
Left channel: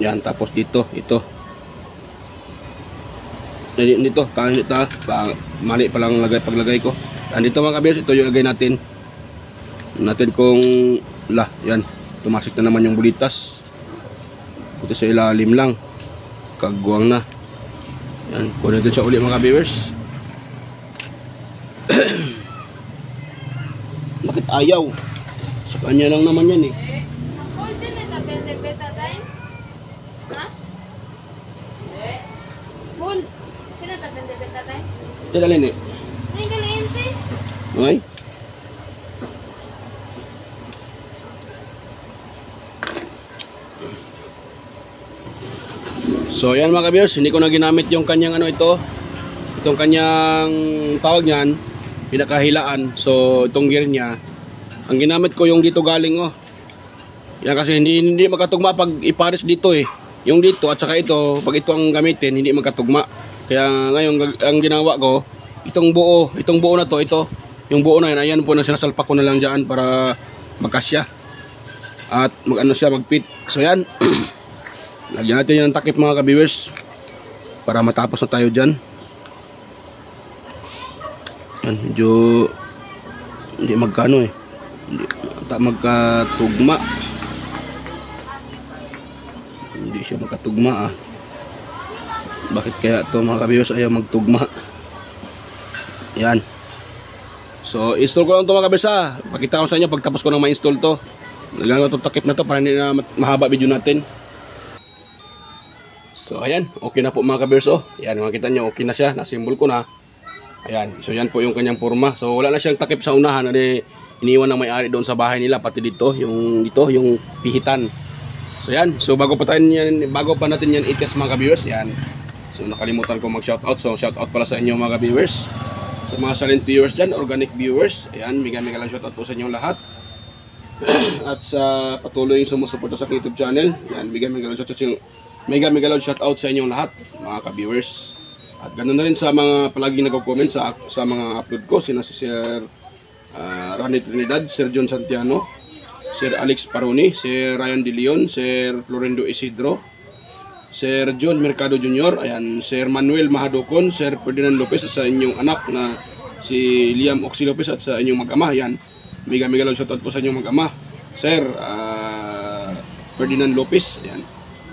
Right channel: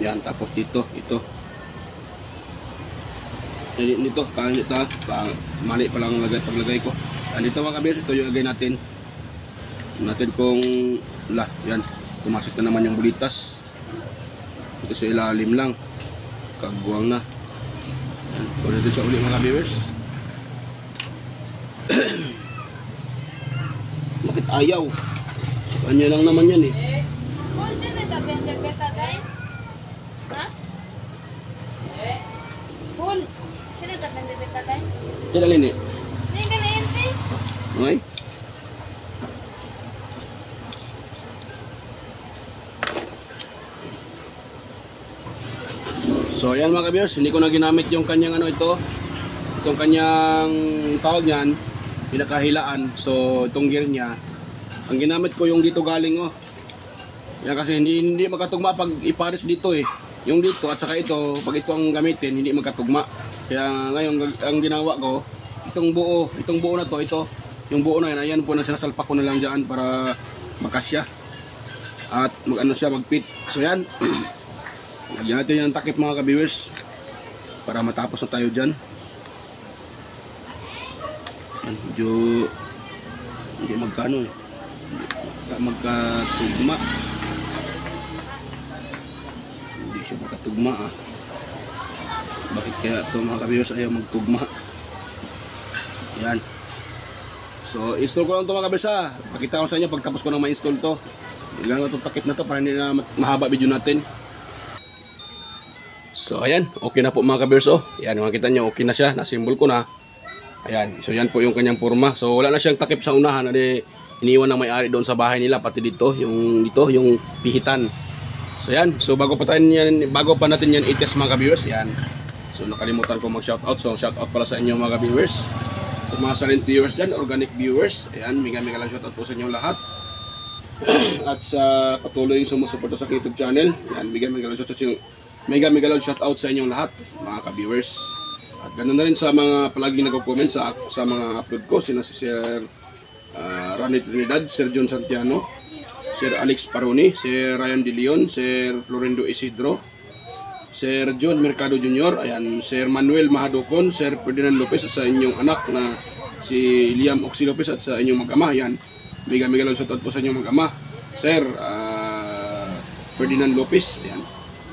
Yan, tapos dito, ito. Dito, mali pa lang paglagay ko. Andito mga kabiyos, ito yung lagay natin. Kung yan, tumasik na naman yung bulitas. Ito sa ilalim lang. Kagwang na. Yan, kunin natin siya uli mga viewers. Bakit ayaw? Sa kanya lang naman yan Full. Sino Diyan alin eh. Okay. So yan mga ka-viewers, hindi ko na ginamit yung kanyang itong kanyang tawag niyan, pinakahilaan. So itong gear niya, ang ginamit ko yung dito galing yan kasi hindi magkatugma pag ipares dito eh. Yung dito at saka ito, pag ito ang gamitin, hindi magkatugma. Kaya ngayon ang ginawa ko, itong buo na to, yung buo na yan, ayan po, sinasalpak ko na lang dyan para magkasya. At mag-fit. So yan. Lagyan natin yan ng takip mga ka-viewers para matapos na tayo dyan. Yan, medyo hindi magkano eh. Hindi magkatugma. Hindi siya magkatugma ah. Bakit kaya ito mga ka-viewers ayaw magtugma? Yan. So install ko lang ito mga ka-viewers ah. Pakita ko sa inyo pagtapos ko nang ma-install to. Lagyan ko itong takip na to para hindi na mahaba video natin. So ayan, okay na po mga ka-viewers Ayan, makita nyo, okay na siya, nasimbol ko na. Ayan, so yan po yung kanyang porma. So wala na siyang takip sa unahan, iniwan ng may-ari doon sa bahay nila, pati dito, yung pihitan. So yan, so bago pa natin yan i-test mga ka-viewers, yan. So nakalimutan ko mag-shoutout, so shoutout pala sa inyo mga ka-viewers. Sa mga silent viewers dyan, organic viewers, ayan, mega lang shoutout po sa inyong lahat. At sa patuloy yung sumusuporta sa YouTube channel, yan, mega lang shoutout sa inyong lahat mga ka-viewers. At ganoon na rin sa mga palagi nagko-comment sa mga upload ko, sina si Sir Ronnie Trinidad, Sir John Santiano, Sir Alex Paroni, Sir Ryan De Leon, Sir Florendo Isidro, Sir John Mercado Jr., ayan, Sir Manuel Mahadocon, Sir Ferdinand Lopez at sa inyong anak na si Liam Oxy Lopez at sa inyong mag-ama. Ayan, mega lang shoutout po sa inyong mag-ama, Sir Ferdinand Lopez, ayan.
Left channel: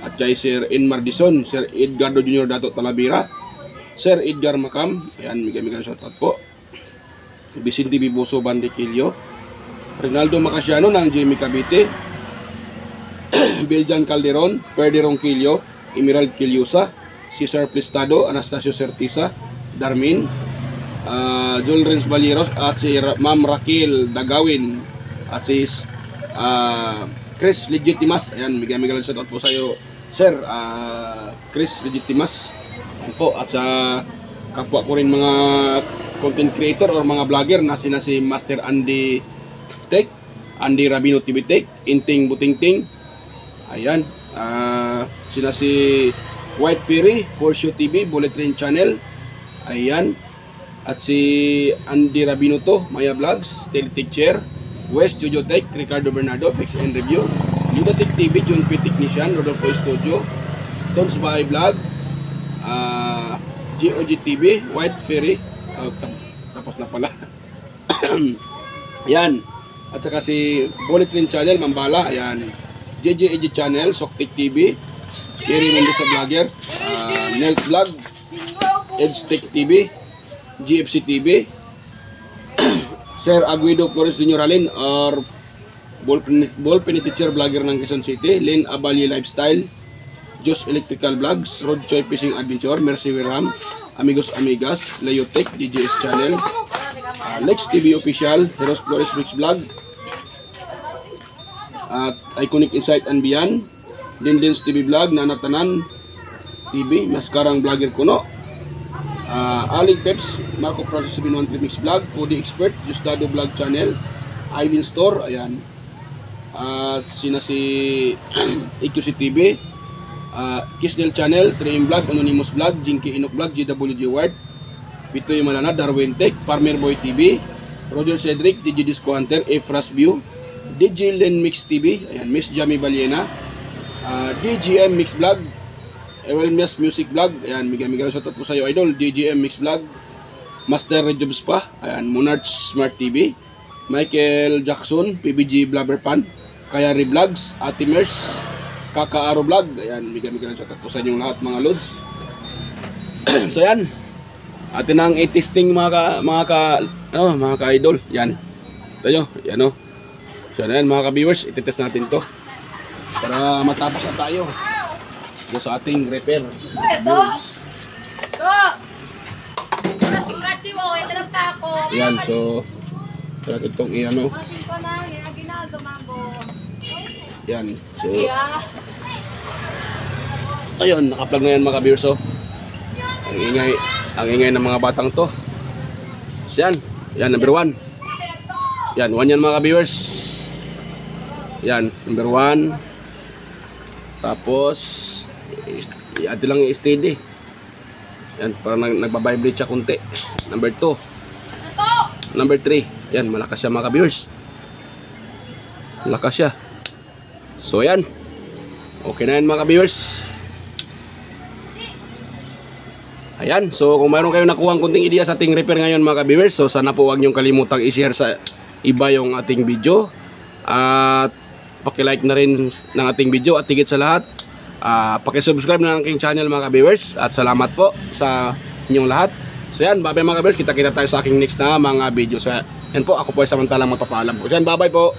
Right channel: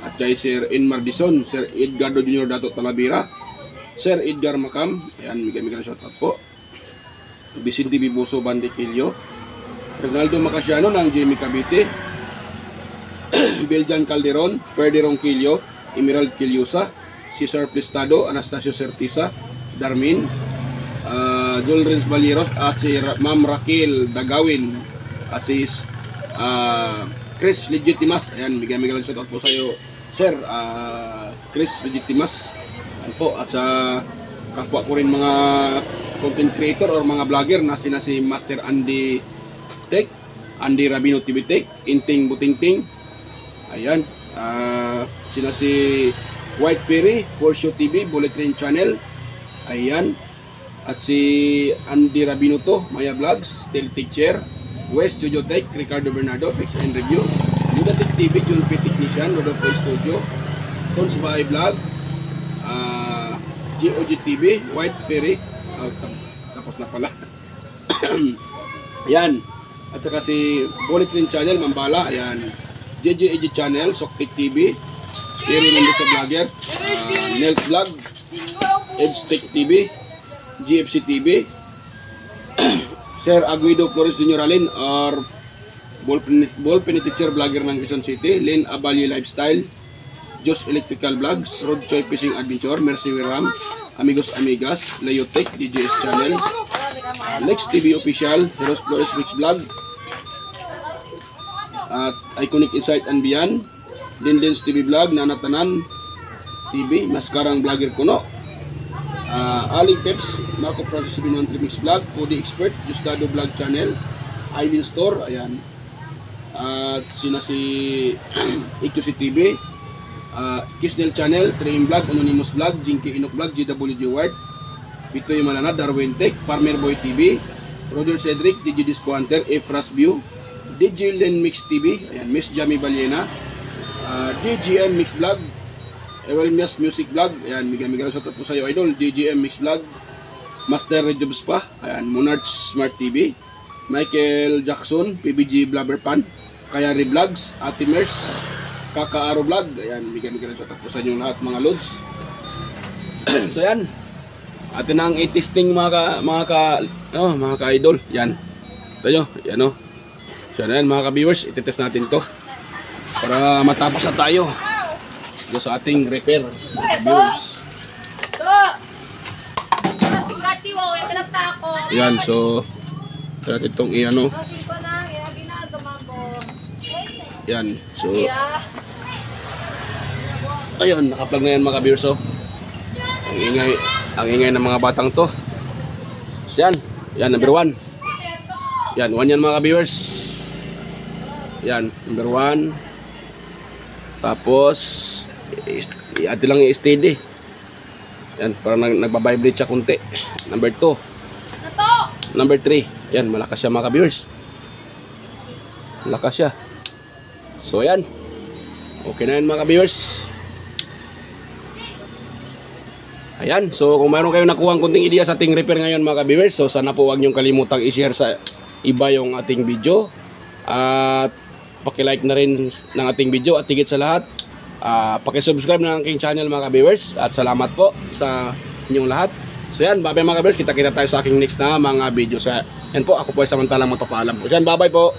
At kay Sir Inmar Dison, Sir Edgardo Jr. Dato Talavera, Sir Edgar Macam, ayan, mega shoutout po. Vicente Bibuso Bandiquillo, Ronaldo Macasiano ng Jamie Cavite, Beljan Calderon, Ferdy Ronquillo, Emerald Quillosa, Cesar Plistado, Anastasio Certisa, Darmin, Joel Renz Balieros, at si Ma'am Raquel Dagawin, at si Chris Legitimas. Ayan, mega lang shoutout po sa iyo, Sir Chris Legitimas. Ayan po, at sa kapwa ko rin mga content creator or mga vlogger na sina si Master Andy Tech, Andy Rabino TV Tech, Inting Butingting. Ayan, sila si White Perry, Porsche TV, Bullet Train Channel. Ayan, at si Andy Rabino to, Maya Vlogs, Teltech Chair, West Studio Tech, Ricardo Bernardo, Fix and Review, Ludatic TV, John P. Technician, Rodolfo Studio, Tons Bahay Vlog, GOG TV, White Ferry, tapos na pala. Yan, at saka si Bullet Train Channel, Mambala, ayan, JJEG Channel, Soktik TV, Eri Mendoza Vlogger, Nelt Vlog, EdgeTech TV, GFC TV, Sir Aguido Flores Jr. Alin, or Ballpen Teacher Vlogger ng Quezon City, Lynn Abalye Lifestyle, Jos Electrical Vlogs, Road Choy Fishing Adventure, Mercy Wiram, Amigos Amigas, Leotech, DJS Channel, Lex TV Official, Heroes Flores Rich Vlog, at Iconic Insight and Beyond, Dindins TV Vlog, Nanatanan TV, Maskarang Vlogger Kuno, Alig Peps, Marco Process 113 Mix Vlog, Cody Expert, Justado Vlog Channel, Ivin Store, ayan, at sina si EQC TV, Kisnel Channel, 3M Vlog, Anonymous Vlog, Jinky Inok Vlog, GWG Ward, Pitoy Malana, Darwin Tech, Farmer Boy TV, Roger Cedric, DJ Disco Hunter, Efras View, DJ Len Mix TV, ayan, Miss Jamie Baliena, DGM Mix Vlog, Ewelmias Music Vlog, ayan, mega shoutout po sa iyo idol, DGM Mix Vlog, Master Rejobs pa, ayan, Monarch Smart TV, Michael Jackson, PBG Blabber Pan, Kayari Vlogs, Atimers, Kakaaro Vlog, ayan, mega shoutout po sa inyong lahat mga loads. So yan, atin ang i-testing mga ka-idol, yan, ito nyo, yan o. So yan mga ka-viewers, iti-test natin to para matapos na tayo do sa ating repair. Yan, so kaya itong iano. Yan, so ayun, naka-plug na yan mga ka-viewers. So ang ingay ng mga batang to. So yan number 1. Yan, 1 yan mga ka-viewers. Yan, number 1. Tapos i-add lang i-steady. Yan, parang nagba-vibrate siya kunti. Number 2. Number 3. Yan, malakas siya mga ka-viewers. Malakas siya. So yan. Okay na yan mga ka-viewers. Ayan, so kung mayroon kayong nakuha kunting ideya sa ating repair ngayon mga ka-viewers, so sana po huwag niyong kalimutang i-share sa iba yung ating video. At paki-like na rin ng ating video at higit sa lahat, paki-subscribe na ng aking channel mga ka-viewers. At salamat po sa inyong lahat. So yan, bye bye mga ka-viewers. Kita-kita tayo sa aking next na mga video. So yan po, ako po ay samantalang magpapaalam po. Yan, bye bye po.